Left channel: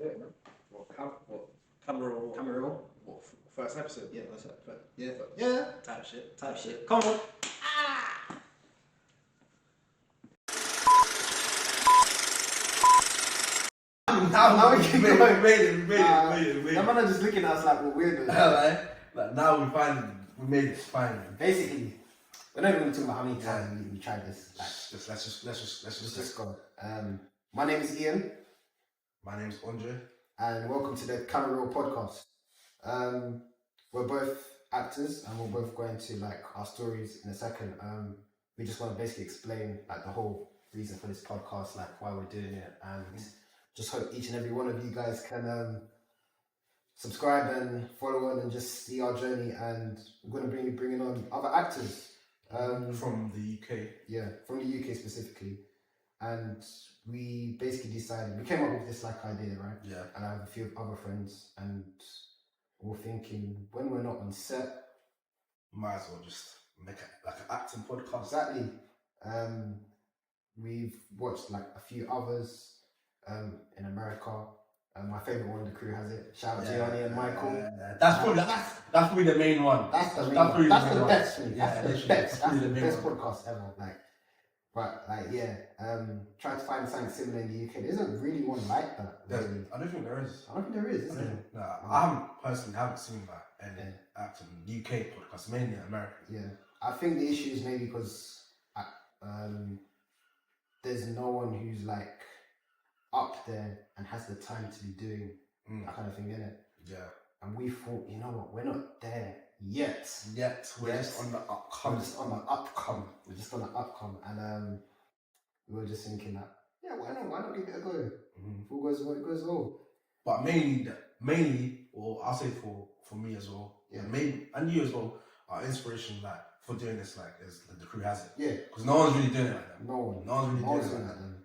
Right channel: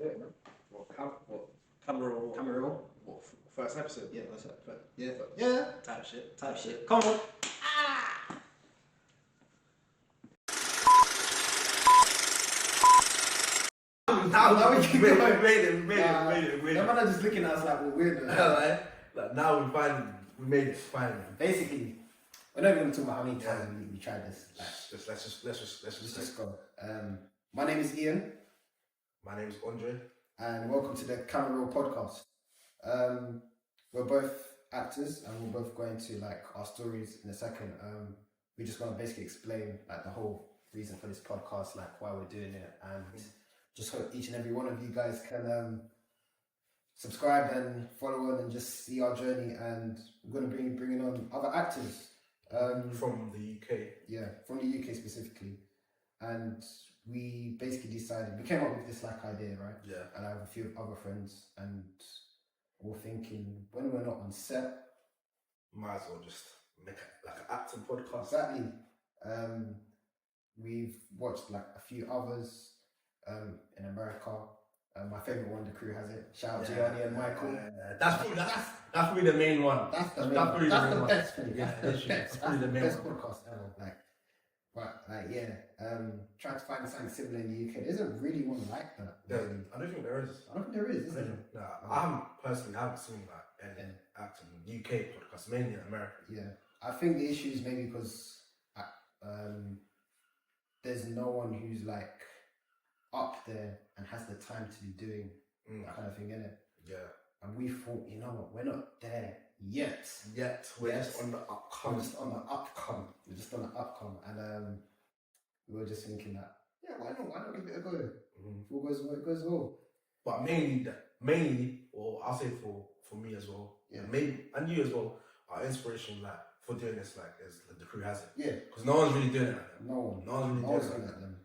Yeah, man. CAMOREEL. What, first episode? Yeah, that's it. Yeah. Yeah. Type shit. Come on. Now we can go. We made it. That man are just looking at us like we're weird. Like now we made it finally. Basically, we're not even going to talk about how many times we tried this. Like, Let's just go. My name is Ian. My name's Andre. And welcome to the CAMOREELPOD. We're both actors and we're both going to like our stories in a second. We just want to basically explain like the whole reason for this podcast, like why we're doing it, and just hope each and every one of you guys can subscribe and follow on and just see our journey. And we're going to be bringing on other actors from the UK. Yeah, from the UK specifically. And we basically decided, we came up with this like idea, right? Yeah. And I have a few other friends, and we're thinking when we're not on set, might as well just make it like an acting podcast. Exactly. We've watched like a few others in America. My favorite one, The Crew Has It. Shout out Gianni and Michael. That's probably the main one. That's the best for me. That's the best. That's the best podcast ever. Try to find something similar in the UK. There isn't really one like that. Really. I don't think there is. I don't think there is there? No, I haven't seen that in acting UK podcasts, mainly in America. Yeah, I think the issue is maybe because there's no one who's like up there and has the time to be doing that kind of thing, innit? Yeah. And we thought, you know what, we're not there yet. We're just on the upcome. We're just on the upcome. And we were just thinking that, yeah, why not give it a go? If all goes well, it goes well. But mainly, or I'll say for me as well, maybe, and you as well, our inspiration like for doing this like is The Crew Has It. Yeah. Because no one's really doing it like them. No one's really doing it like them.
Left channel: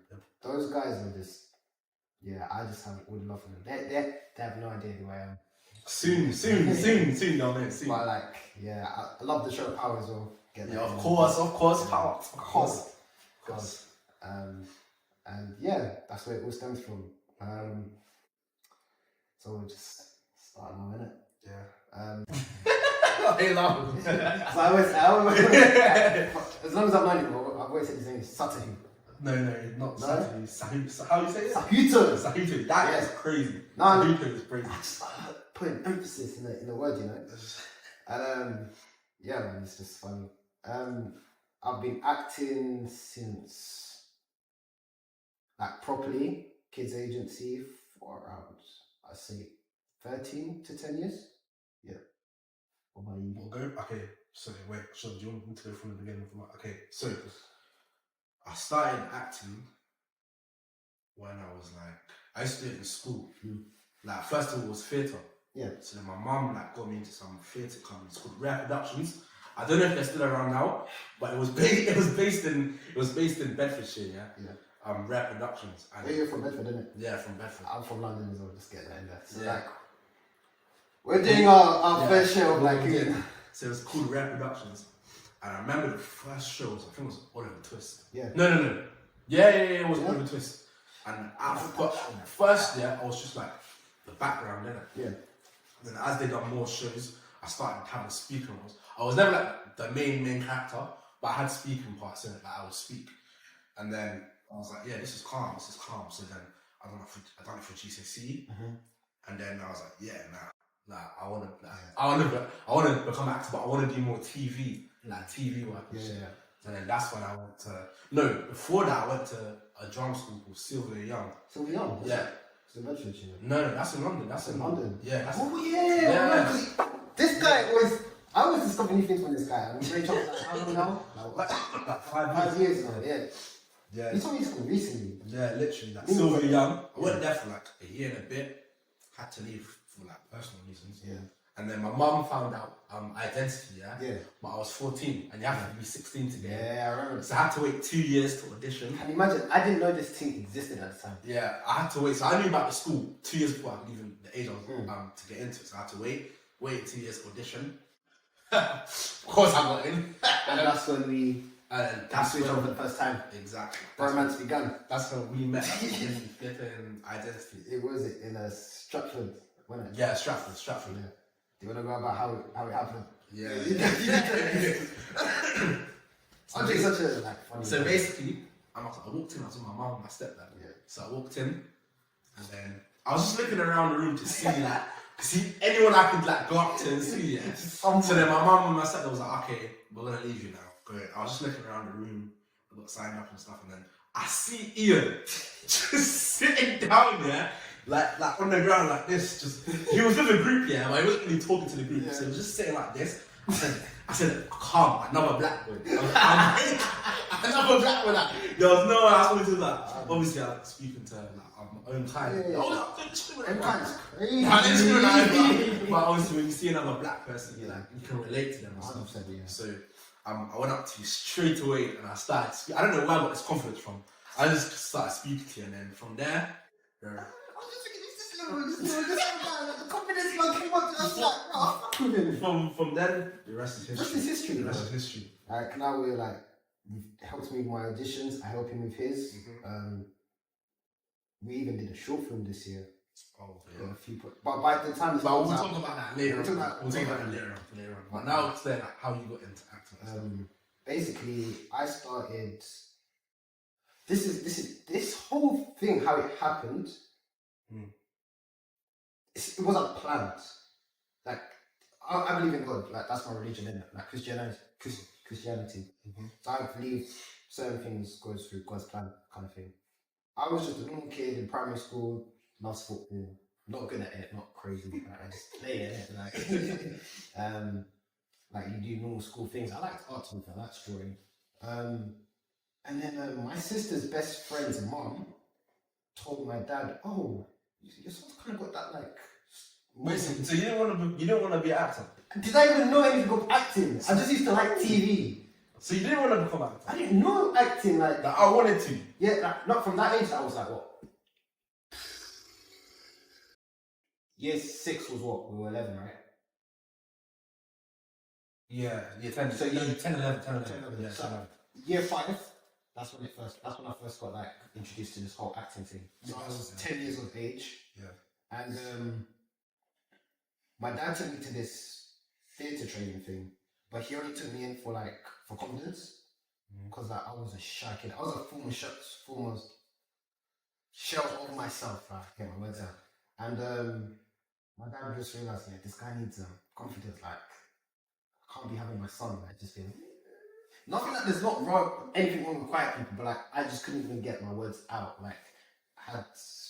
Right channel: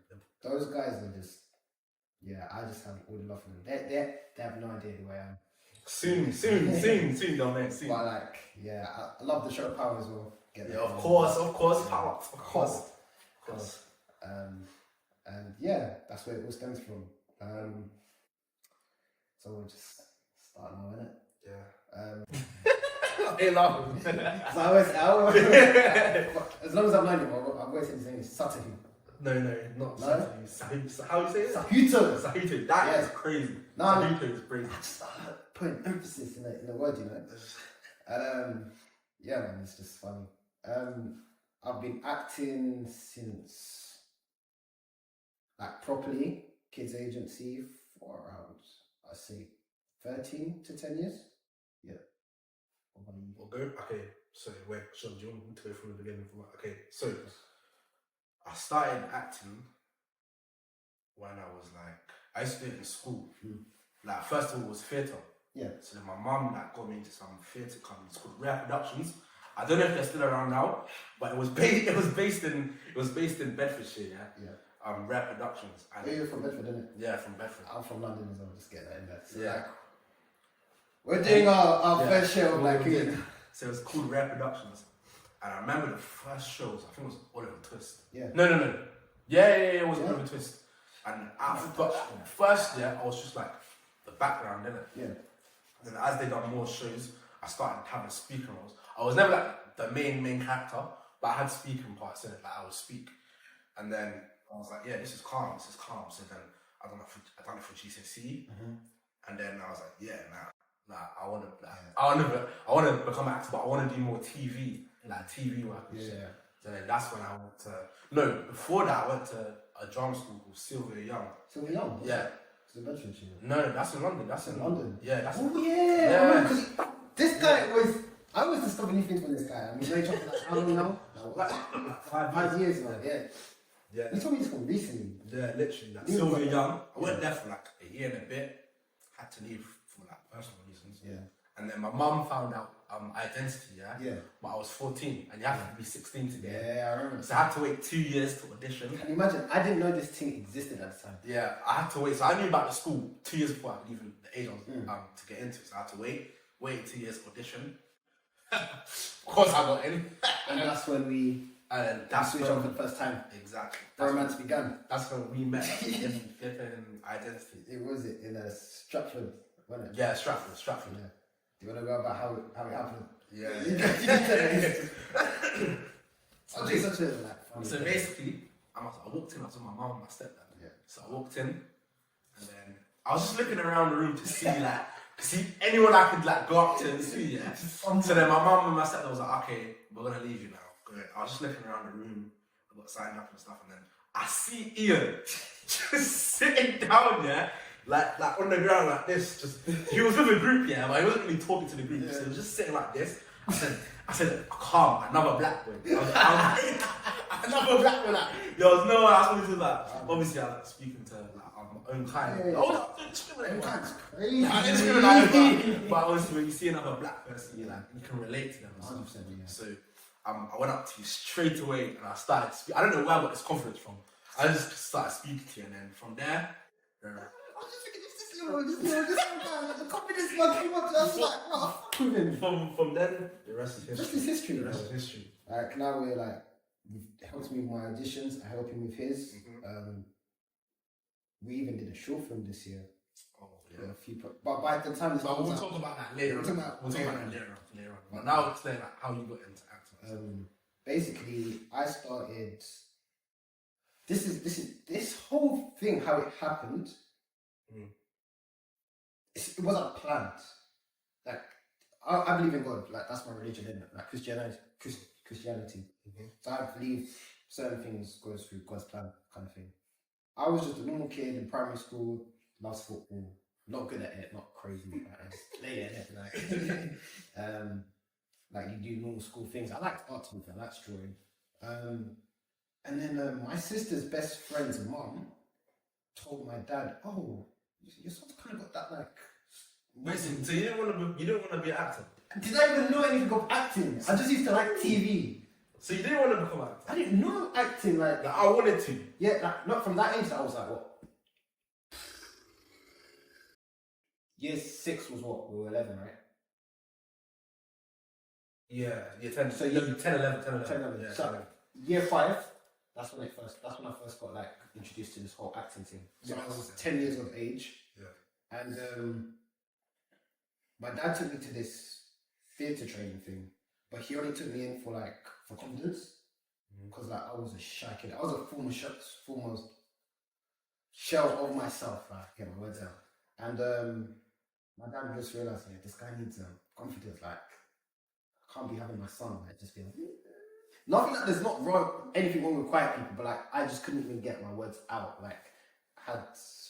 Those guys are just, I just have all the love for them. They have no idea who I am. Soon down there. Soon. But like, I love the show Power as well. Of course, Power. Of course. And that's where it all stems from. So we'll just start now, innit? Yeah. They laugh. As long as I mind it, I've always said his name is Satahu. No, not Satahu. How do you say it? Sahuto. That is crazy. Sahuto is crazy. I just putting emphasis in the word, you know. And man, it's just funny. I've been acting since like properly kids agency for around, I say 13 to 10 years. Yeah. What about you? Okay, so wait, do you want me to go from the beginning? Okay, so I started acting when I was like, I used to do it in school. Like first of all, it was theatre. Yeah. So then my mum like got me into some theatre companies called Rare Productions. I don't know if they're still around now, but it was based in Bedfordshire. Yeah. Rare Productions. And you're from Bedford, isn't it? Yeah, from Bedford. I'm from London as well. Just get that in there. So like, we're doing our fair share of like. So it was called Rare Productions. And I remember the first shows, I think it was Oliver Twist. Yeah. No. Yeah, it was Oliver Twist. And first year, I was just like the background, innit? Yeah. And then as they done more shows, I started having speaking roles. I was never like the main character, but I had speaking parts in it, like I would speak. And then I was like, yeah, this is calm. So then I done it for GCSE. And then I was like, I want to become an actor, but I want to do more TV. Like TV work. Yeah. So then that's when I went to before that I went to a drama school called Sylvia Young. Sylvia Young? Yeah. It's in Bedfordshire. No, that's in London. That's in London. Yeah, that's this guy was, I always discover new things from this guy. I mean, Ray Charles, like, how long now? Like 5 years now, yeah. He told me this from recently. Yeah, literally. Like Sylvia Young. I went there for like a year and a bit. Had to leave for like personal reasons. Yeah. And then my mum found out identity, Yeah. But I was 14 and you have to be 16 to get in. Yeah, I remember. So I had to wait 2 years to audition. Can you imagine? I didn't know this thing existed at the time. Yeah, I had to wait. So I knew about the school 2 years before I could even the age I was to get into it. So I had to wait 2 years to audition. Of course I got in. And that's when we And then That's that's switch when, on for the first time. exactly. Romance began. That's when we met in flipping identity. It was in a Stratford, wasn't it? Yeah, Stratford. Yeah. Do you want to go about how it happened? Yeah. I'll do such a funny. So basically, I walked in. I was with my mum and my stepdad. Yeah. So I walked in, and then I was just looking around the room to see anyone I could glance and see. Yeah. So then my mum and my stepdad was like, "Okay, we're gonna leave you now." Good. I was just looking around the room. I got signed up and stuff, and then I see Ian just sitting down there, like on the ground like this. Just he was with a group, yeah, but he wasn't really talking to the group, so he was just sitting like this. I said, calm, another black boy. Another black boy. There was no way I was going to do that. Obviously, I'm speaking to my own kind. Own kind is crazy. But obviously, when you see another black person, you can relate to them. 100%, yeah. So I went up to you straight away and I started speaking. I don't know where I got this confidence from. I just started speaking to you, and then from there, the confidence man came up to us like, no, fuck with him. From then, the rest is history. The rest is history. The rest is history. Like now we're like, you've helped me with my auditions. I help him with his. We even did a short film this year. Oh yeah. But by the time we'll talk about that later. We'll talk about that later on. But now explain how you got into acting. Basically, I started. This whole thing, how it happened. It wasn't planned. Like I believe in God. Like that's my religion, isn't it? Like Christianity. So I believe certain things goes through God's plan, kind of thing. I was just a normal kid in primary school. Loves football. Not good at it. Not crazy. Like, I just play it. Like you do normal school things. I liked art. I liked drawing. And then my sister's best friend's mom told my dad, "Oh, your son's kind of got that like." Wait, so you didn't want to be an actor? Did I even know anything of acting? I just used to like TV. So you didn't want to become an actor? I didn't know acting like that. I wanted to. Yeah, like, not from that age. I was like, what? Year 6 was what? We were 11, right? Yeah, 10. So 10, 11. Yeah, so year 5. That's when I first got like introduced to this whole acting thing. So I was 10 years of age. Yeah. And my dad took me to this theatre training thing, but he only took me in for confidence, because like I was a shy kid. I was a former shell of myself. Right, get my words out. And my dad just realised, yeah, this guy needs confidence. Like, I can't be having my son like just being. Nothing that there's not wrong, anything wrong with quiet people, but like I just couldn't even get my words out. Like, I had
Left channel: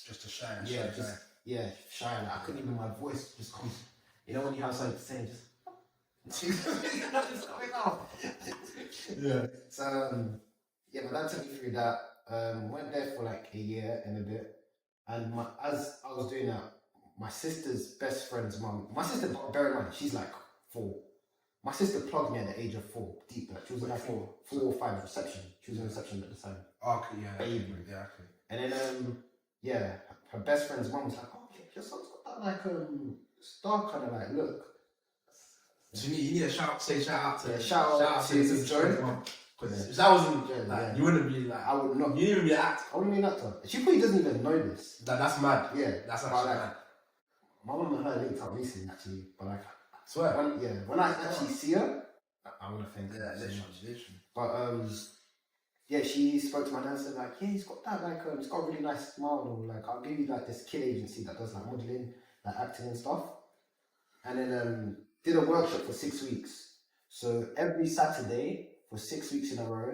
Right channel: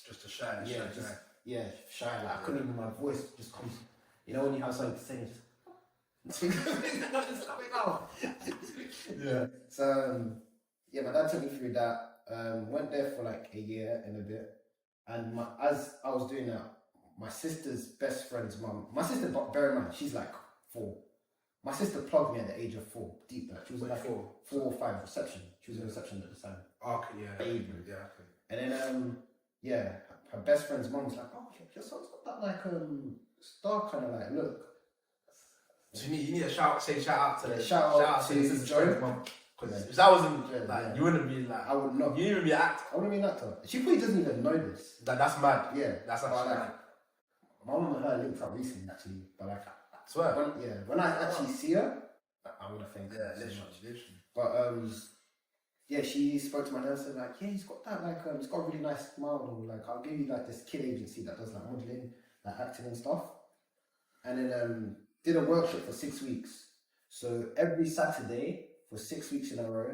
just a shy. Shy. Like I couldn't even. My voice just comes. You know when you have something to say, just it's coming out. Yeah. So my dad took me through that. Went there for like a year and a bit, and as I was doing that, my sister's best friend's mum. My sister, bear in mind, she's like 4. My sister plugged me at the age of 4, deep. Like she was in like 4 or 5 reception. She was in reception at the time. Okay, yeah. Baby. Yeah, okay. And then her best friend's mum was like, "Oh, your son's got that like star kind of like look." So you need to shout out to shout out to Joe. Because if that wasn't you wouldn't be like, I would not. You wouldn't be an actor. I wouldn't be an actor. She probably doesn't even know this. That's mad. Yeah, that's actually mad. My mum and her linked up recently, actually, but like, I swear. When I actually see her, I would have think. Yeah, literally. But she spoke to my dad and said like, yeah, he's got that like, he's got a really nice smile, and like, I'll give you like this kid agency that does like modelling, like acting and stuff, and then did a workshop for 6 weeks. So every Saturday for 6 weeks in a row,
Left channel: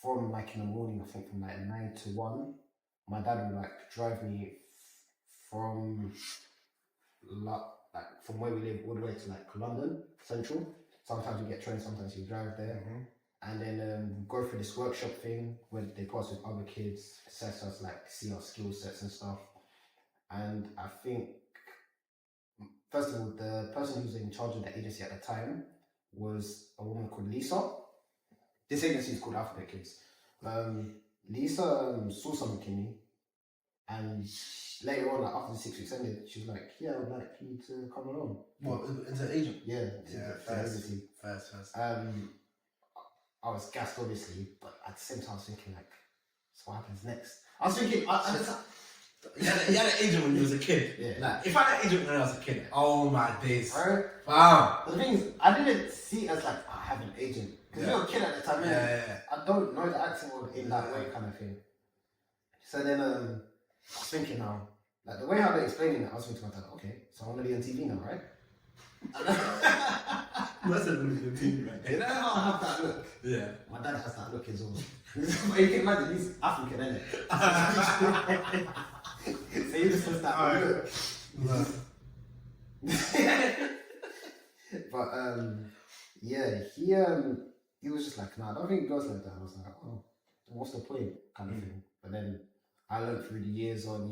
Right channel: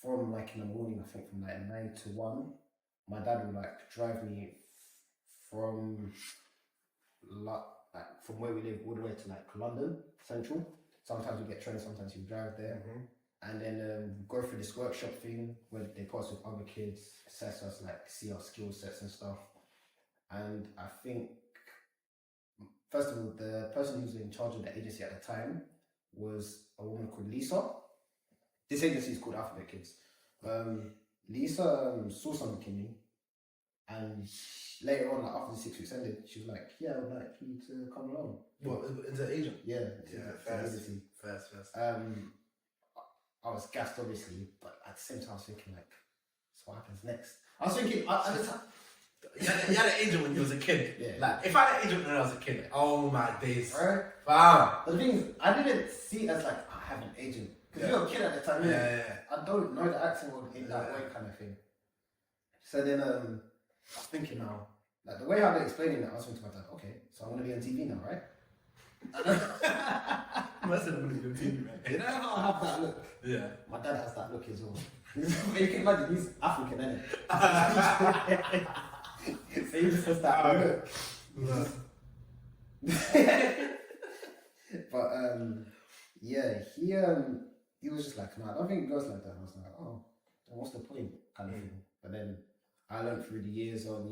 from like in the morning, I think from like 9 to 1, my dad would like drive me from from where we live all the way to like London Central. Sometimes we get trains, sometimes we drive there, and then go through this workshop thing where they put us with other kids, assess us, like see our skill sets and stuff. And I think, first of all, the person who was in charge of the agency at the time was a woman called Lisa. This agency is called Alphabet Kids. Lisa saw something in me, and later on, like after the 6 weeks ended, she was like, "Yeah, I would like you to come along." What, as an agent? Yeah, it's an agency. First. I was gassed, obviously, but at the same time, I was thinking, like, so what happens next? I was thinking, at the time, You had an agent when you was a kid. Yeah. Like, if I had an agent when I was a kid, oh my days. right? Bam. But the thing is, I didn't see it as like, I have an agent. Because you're a kid at the time, Yeah. I don't know the acting world in that way, kind of thing. So then, I was thinking now, like, the way how they're explaining it, I was thinking to my dad, okay, so I'm going to be on TV now, right? Must have been the TV, right? You know how I have that look? Yeah. My dad has that look as well. You can imagine, he's African, isn't it? So he just has that look. But yeah, he was just like, nah, I don't think it goes like that. And I was like, oh, what's the point? Kind of thing. But then I learned through the years on.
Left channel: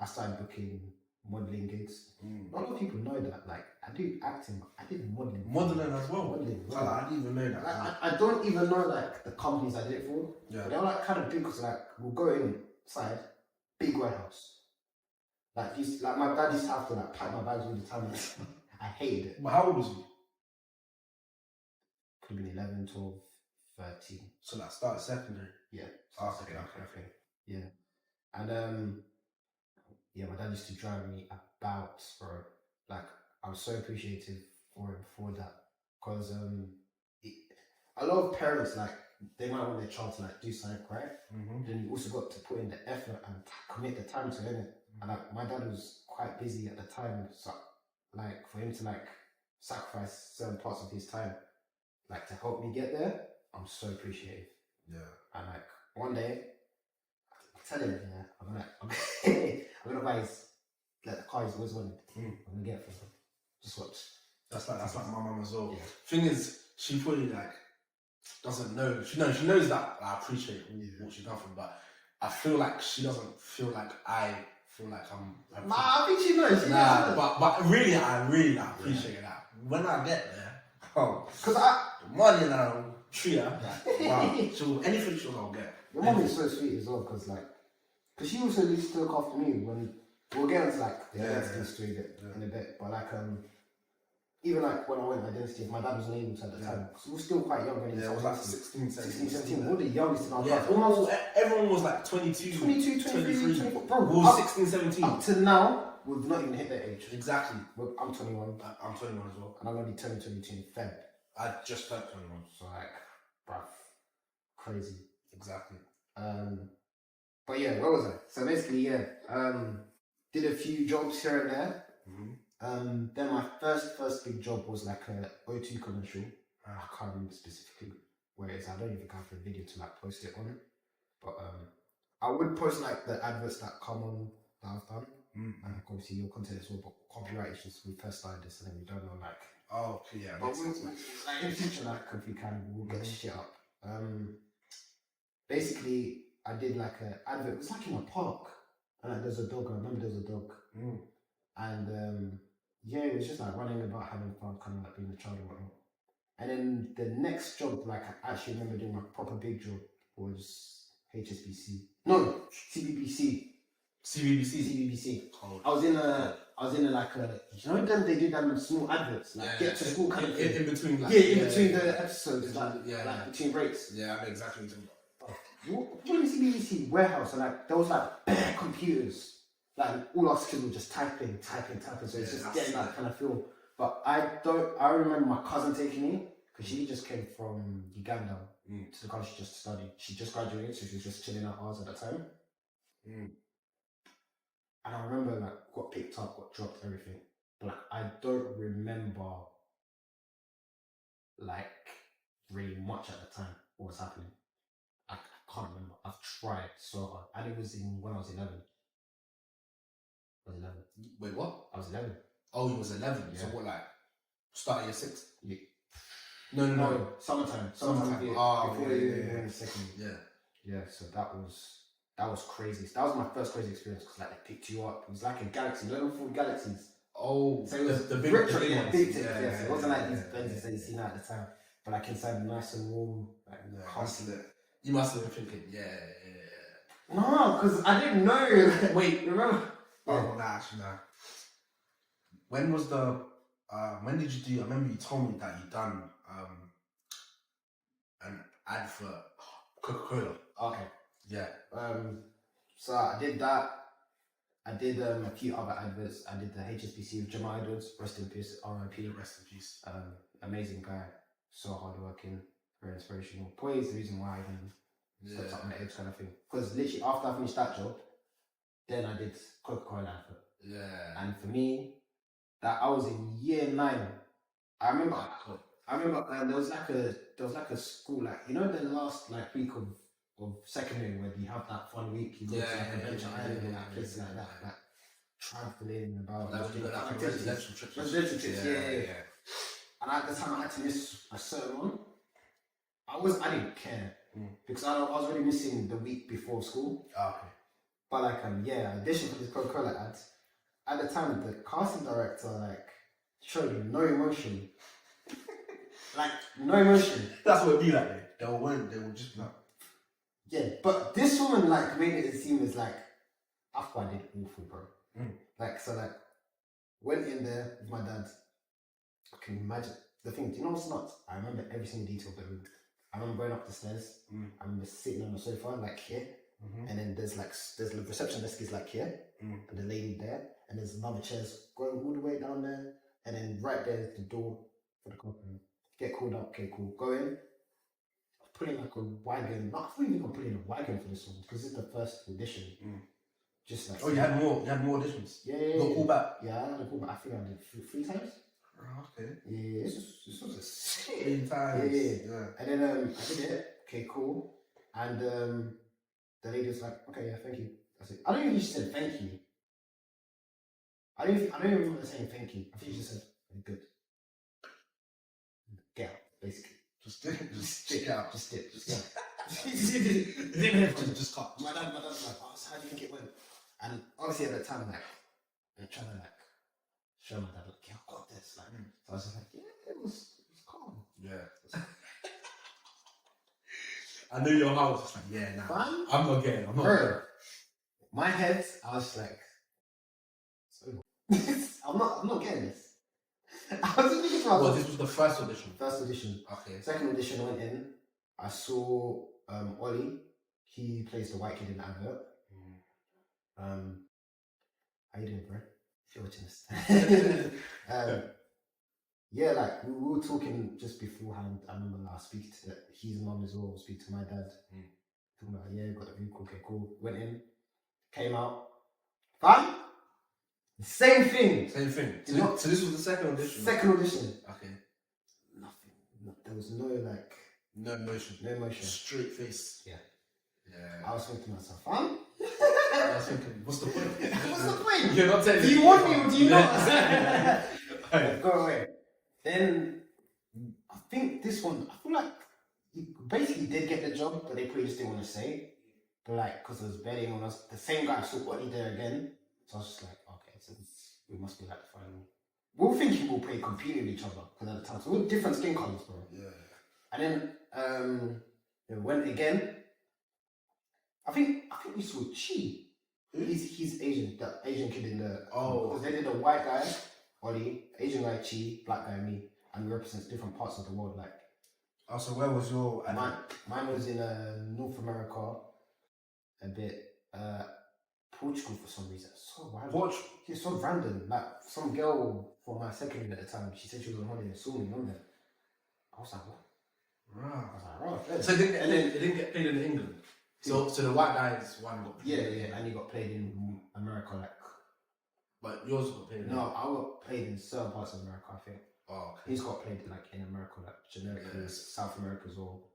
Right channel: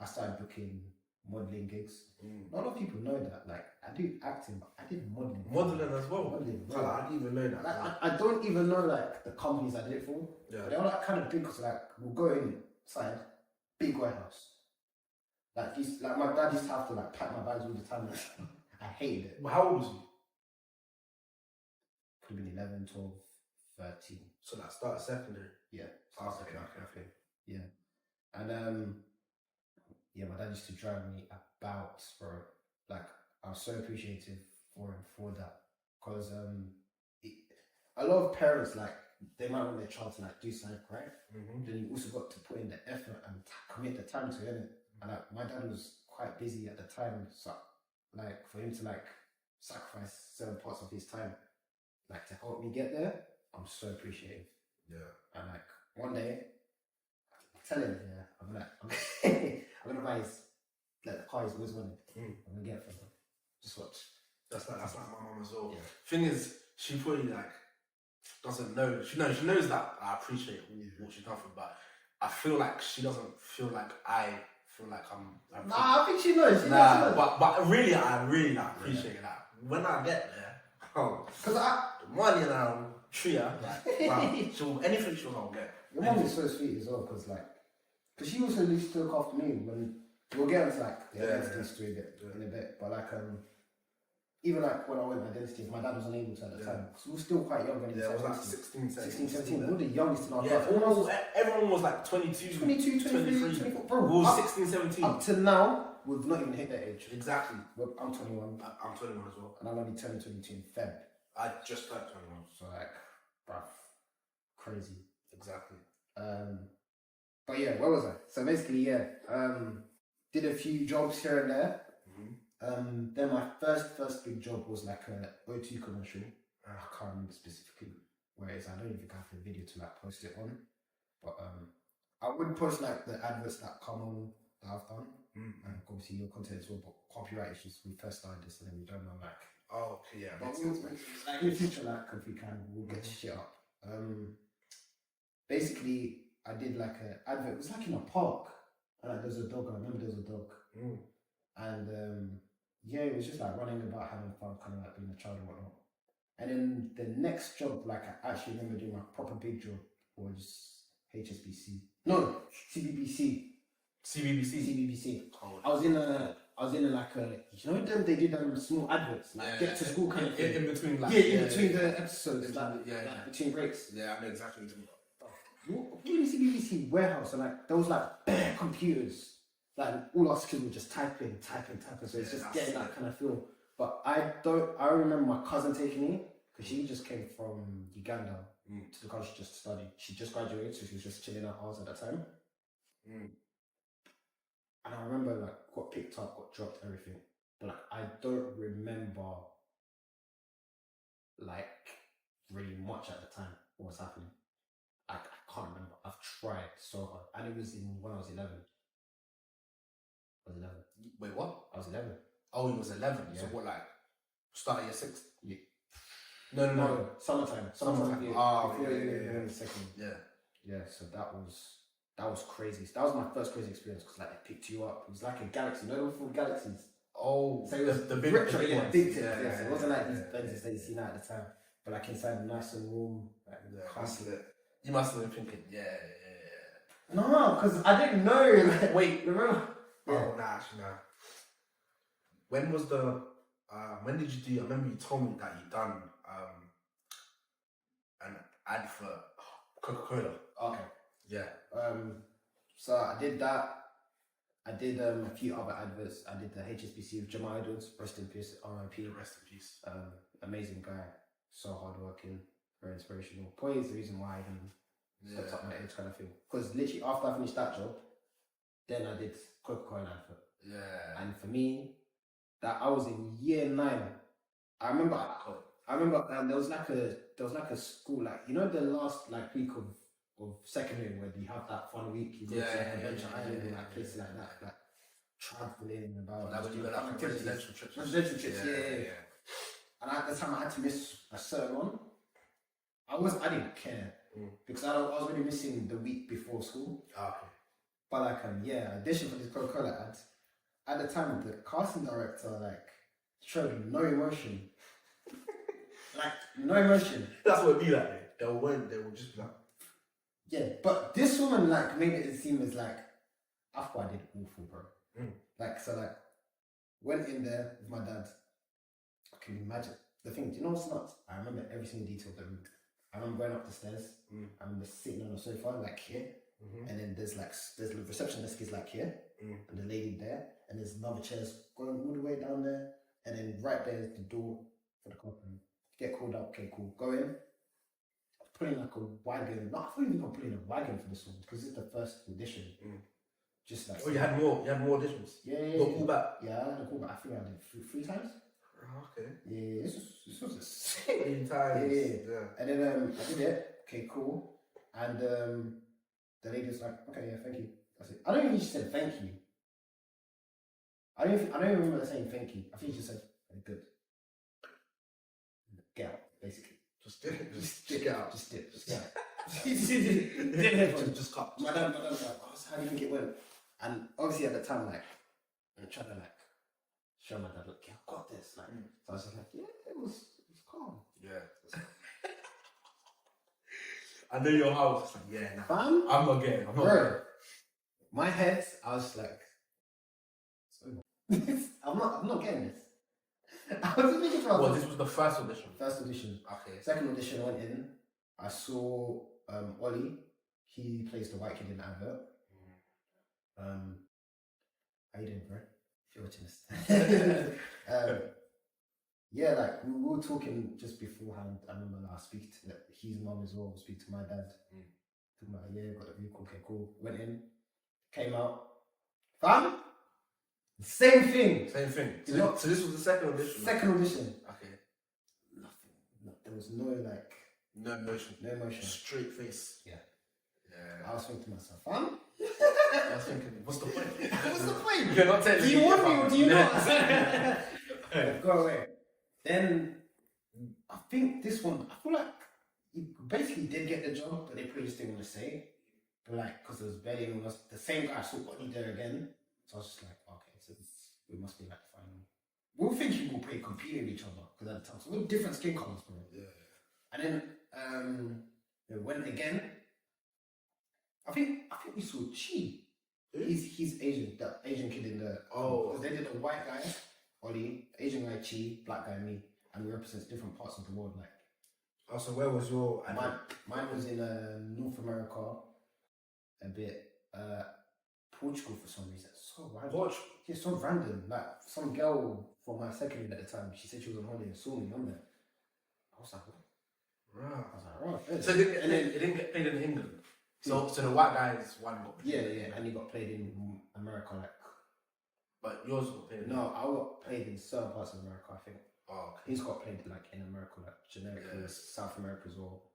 I started booking modelling gigs. Not a lot of people know that. Like, I do acting, but I did modelling. Modelling as well. Modelling. Like, I didn't even know that. Like, I don't even know like the companies I did it for. Yeah. But they were like kind of big because like we'll go inside, big warehouse. Like my dad used to have to like pack my bags all the time. I hated it. But how old was you? Could have been 11, 12, 13. So like started secondary. Yeah. Oh, okay, that kind of thing. Yeah. And yeah, my dad used to drive me about, bro. Like, I'm so appreciative for him for that. Because a lot of parents, like, they might want their child to like do something, right? Then you also got to put in the effort and commit the time to it. And like, my dad was quite busy at the time, so like for him to like sacrifice certain parts of his time, like to help me get there, I'm so appreciative. Yeah. And like one day, I tell him, yeah, I'm gonna buy his like the car he's always wanted. I'm gonna get it for him. Just watch. That's like my mum as well. Yeah. Thing is, she probably like doesn't know. She knows that I appreciate what she's done for me, but I feel like she doesn't feel like I feel like I'm. Nah, I think she knows. But really, I appreciate that. When I get there, because the money and I'll treat her like, wow, anything I'll get. Your mum is so sweet as well, because she also used to look after me when we'll get into like the identity story in a bit, but like even like when I went to identity, my dad was unable to at the time, because we were still quite young when he it was like 16, 17. We were the youngest in our class. Everyone was like 22, 22, 23, 24. Bro, we were 16, 17. Up to now, we've not even hit that age. Exactly. Well, I'm 21. I'm 21 as well. And I'm going to be turning 22 in Feb. I just turned 21. So like, bruv, crazy. Exactly. But yeah, where was I? So basically, yeah, did a few jobs here and there. Then my first big job was like a O2 commercial. I can't remember specifically where it is. I don't even think I have a video to like post it on. But I would post like the adverts that come on that I've done. And obviously your content as well, but copyright issues. We first started this and then we don't know like. Oh, yeah. But like in the future, like if we can, we'll get shit up. Basically, I did like an advert. It was like in a park, and like, there's a dog. I remember there's a dog, and yeah, it was just like running about, having fun, kind of like being a child and whatnot. And then the next job, like I actually remember doing my proper big job, was HSBC. No, CBBC. I was in a like a, you know, then they do them small adverts, like get to school kind of thing. In between, like in between the episodes, like between breaks. Yeah, I know exactly what you're talking about. You're in the CBBC warehouse, and like there was like bare computers. Like all our kids were just typing. So it's just getting that kind of feel. But I remember my cousin taking me, because she just came from Uganda to the college just to study. She just graduated, so she was just chilling out hours at the time. And I remember like got picked up, got dropped, everything. But like I don't remember like really much at the time what was happening. I can't remember. I've tried so hard. And it was when I was 11. I was 11. Wait, what? I was 11. Oh, he was 11. Yeah. So what, like starting year 6? Yeah. No. Summertime. Before you second. Yeah. So that was crazy. That was my first crazy experience, because like they picked you up. It was like a galaxy. No, full galaxies. Oh, so it was the big retro, ones. Big things. Yeah, so it wasn't like these Benzes that you see now at the time, but like inside nice and warm. Like, you must have been thinking, No, because I didn't know. Wait, remember? Yeah. Oh, nah, actually, nah. When was the? When did you do? I remember you told me that you done ad for Coca-Cola. Okay. Yeah. So I did that. I did a few other adverts. I did the HSBC with Jamal Edwards, rest in peace, RIP. Rest in peace. Amazing guy, so hardworking, very inspirational. Probably is the reason why I even stepped up my age kind of thing. Because literally after I finished that job, then I did Coca-Cola advert. Yeah. And for me, that I was in year 9. I remember there was like a school, like, you know, the last like week of secondary when you have that fun week, you go to like Adventure Island and like places like that, like traveling about. That was like residential trips. Residential trips, yeah. And at the time I had to miss a certain one. I didn't care because I was already missing the week before school. Okay. But like audition for this Coca-Cola ads. At the time, the casting director like showed no emotion. Like no emotion. That's what it'd be like. They would just be like. Yeah, but this woman like made it seem as like I thought I did awful, bro. Like so, like went in there with my dad. I can imagine the thing. Do you know what's nuts? I remember every single detail of the room. I remember going up the stairs. I remember sitting on the sofa like here, and then there's the reception desk is like here, and the lady there, and there's another chairs going all the way down there, and then right there is the door for the company. Get called up. Okay, cool. Go in. Put in like a wagon. I thought you were put in a wagon for this one because it's the first audition. Just like you had more auditions. Yeah. You got called back. Yeah, I had a call back. I think I did 3 times. Okay. Yeah, this was a 3 times. Yeah. And then I did it. Okay, cool. And the lady was like, "Okay, yeah, thank you." That's it. I don't think she said thank you. I don't even remember saying thank you. I think she just said good. Get out, basically. Just get out. Just get out. Just cut. My dad was like, "Oh, so how do you think it went?" And obviously at that time, like, I'm trying to like show my dad, like, "Yeah, I got this." Like, so I was just like, "Yeah, it was calm." Yeah. I knew your heart was just like, "Yeah, nah, Fun? I'm not getting. Bro, my head, I was just like, I'm not getting this. I was just thinking to myself. Well, this was the first audition. First audition. Okay. Second audition, I went in. I saw Ollie. He plays the white kid in the advert. How you doing, bro? If you're watching this. Yeah, like we were talking just beforehand. I remember I speak to his mum as well. Speak to my dad. Talking about got the vehicle. Okay, cool. Went in, came out. Fine. Same thing. So this was the second audition. Second audition. Okay. Nothing. There was no like. No emotion. No emotion. Straight face. Yeah. Yeah. I was thinking to myself, fun. I was thinking, what's the point? What's the point? You're not telling me. Do you want me or do you not? Go away. Then I think this one, I feel like you basically did get the job, but they probably just didn't want to say. But like, because there was barely anyone else, the same guy saw Ollie there again. So I was just like, okay, so we must be like the final. We were thinking we'll play compete with each other because at the time, so we're different skin colours, bro. Yeah. And then we went again. I think we saw Chi. He's Asian, that Asian kid in the because they did a white guy, Ollie, Asian guy Chi, black guy me, and we represent different parts of the world. Like, so where was your? Mine was in North America, a bit Portugal for some reason. So random. Portugal? Yeah, so random. Like some girl from my secondary at the time, she said she was on holiday and saw me on there. I was like, what? Right. I was like, right. So it didn't get played in England. So the white guys one got played. Yeah, and he got played in America, like. But yours got played. No, I got played in certain parts of America. I think. Oh, okay. He's got played like in America, like generically, South America as well,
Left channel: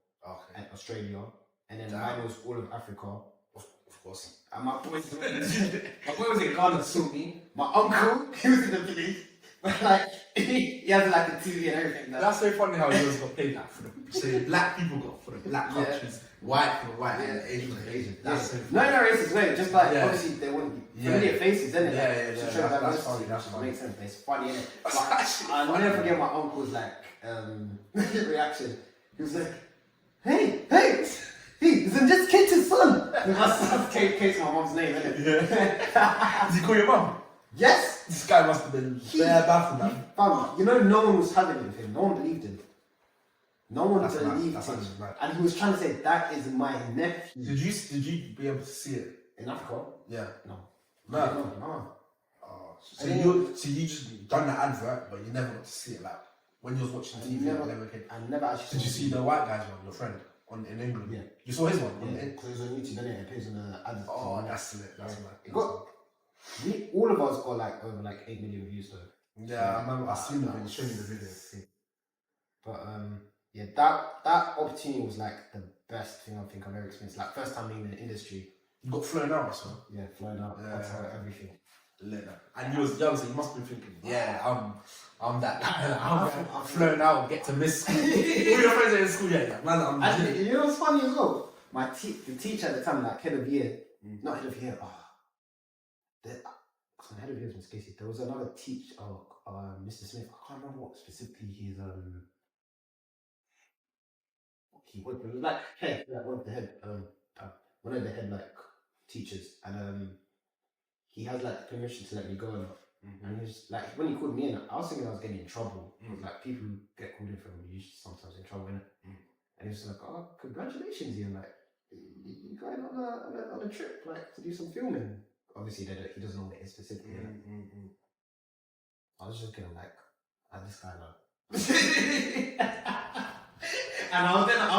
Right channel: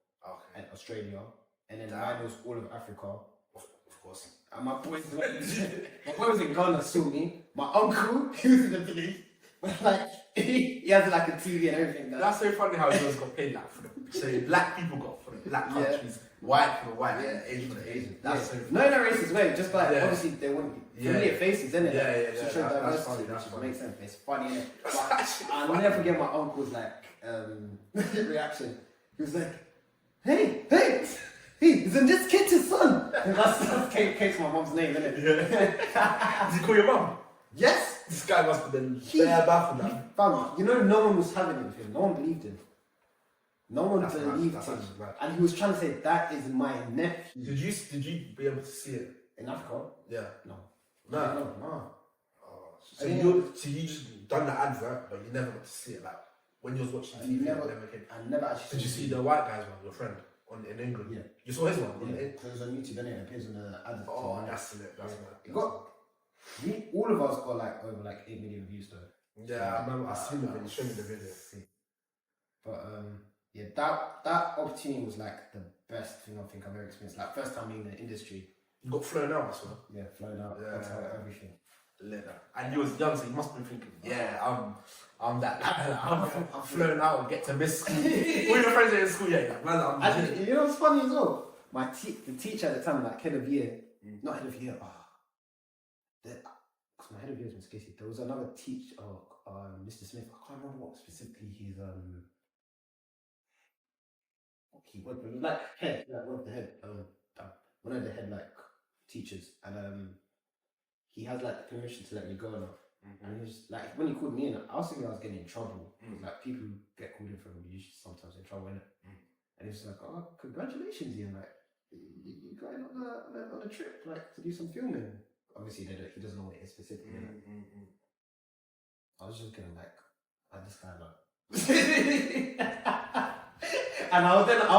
and Australia, and then mine was all of Africa. Of course. And my boy was in Ghana, saw me. My uncle, he was in the village, but like he has like a TV and everything. That's so funny how yours got played like for them. So black people got for the black countries, white people white, and Asian. That's so funny. No racist way. Just like obviously they want familiar faces, isn't it? Yeah. To show diversity, which makes sense. It's funny, innit? But I'll never forget my uncle's like reaction. He was like, "Hey, isn't this Kate's son?" That's Kate's my mom's name, isn't it? Yeah. Did he call your mum? Yes. This guy must have been bare baffled. Fam, you know, no one was having it with him. No one believed him. No one That's believed mad. him. That's mad. And he was trying to say, that is my nephew. Did you be able to see it? In Africa? Yeah. No. No. Oh. So you just done the advert, but you never got to see it. Like when you was watching TV, I never actually. Did you see the white guy's one, your friend, in England? Yeah. You saw his one? Yeah. Because it's on YouTube, then it appears on the advert. Oh, that's it. That's it. All of us got like over like 8 million views though. Yeah, I remember. I seen the video. Show me the video. But yeah, that opportunity was like the best thing I think I've ever experienced. Like first time being in the industry. You got flown out, so yeah, flown out. Yeah, that's everything. Later. And you was young, so you must be thinking, yeah, I'm that. I'm flown out, get to miss school. All your friends are in school, yeah. Man, actually, you know what's funny as well? The teacher at the time, like head of year, not head of year. My head of year was Miss Casey. There was another teacher, Mr. Smith. I can't remember what specifically his he was like head, like one of the head like teachers, and he has like permission to let me go now. And he was like, when he called me in, I was thinking I was getting in trouble. Like people who get called in for him usually sometimes in trouble, innit? And he was like, "Oh, congratulations, Ian! Like you going on a trip, like to do some filming." Obviously, he doesn't know what it is specifically. I was just getting like, this guy like. And I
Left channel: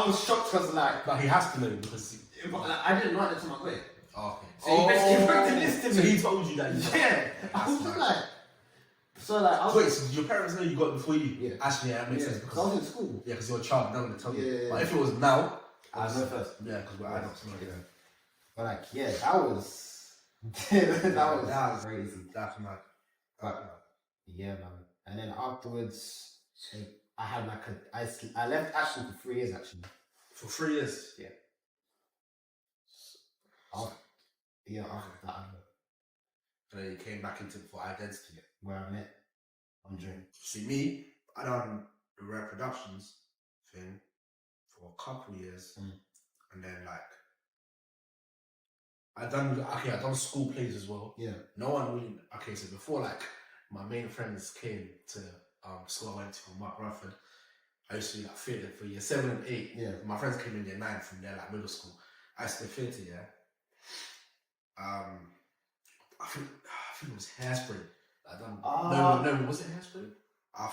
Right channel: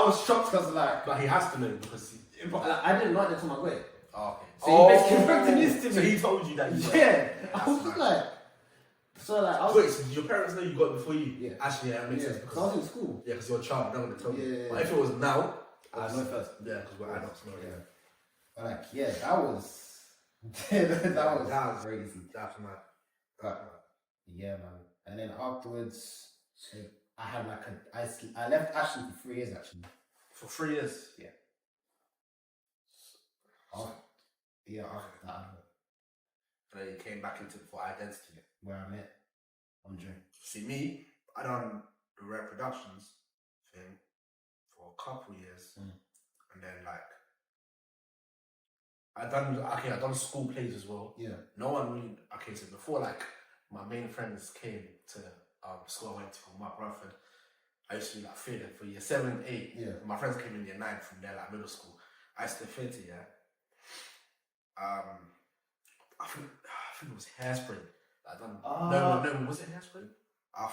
was shocked because like, but he has to know because I didn't know at the time I got it. Oh, okay. So he basically wrote this to me. So he told you that. I was just like, wait, so did your parents know you got it before you? Yeah. Actually, yeah, that makes sense. Because I was in school. Yeah, because you're a child, no one told you. Yeah. But if it was now, I know first. Yeah, because we're adults. Yeah. But like, yeah, that was that was crazy. That's mad. Yeah, man. And then afterwards, I had like I left Ashton for 3 years actually. For 3 years? Yeah. After that. And then you came back into for identity. Where I met Andre. See me, I done the reproductions thing for a couple years, and then like I done school plays as well. Yeah. No one really. Okay, so before like my main friends came to school I went to with my girlfriend, I used to be like theatre for year 7 and 8. Yeah. My friends came in year 9 from there, like middle school. I used to do theatre, yeah. I think it was Hairspray. I done. No, was it Hairspray? I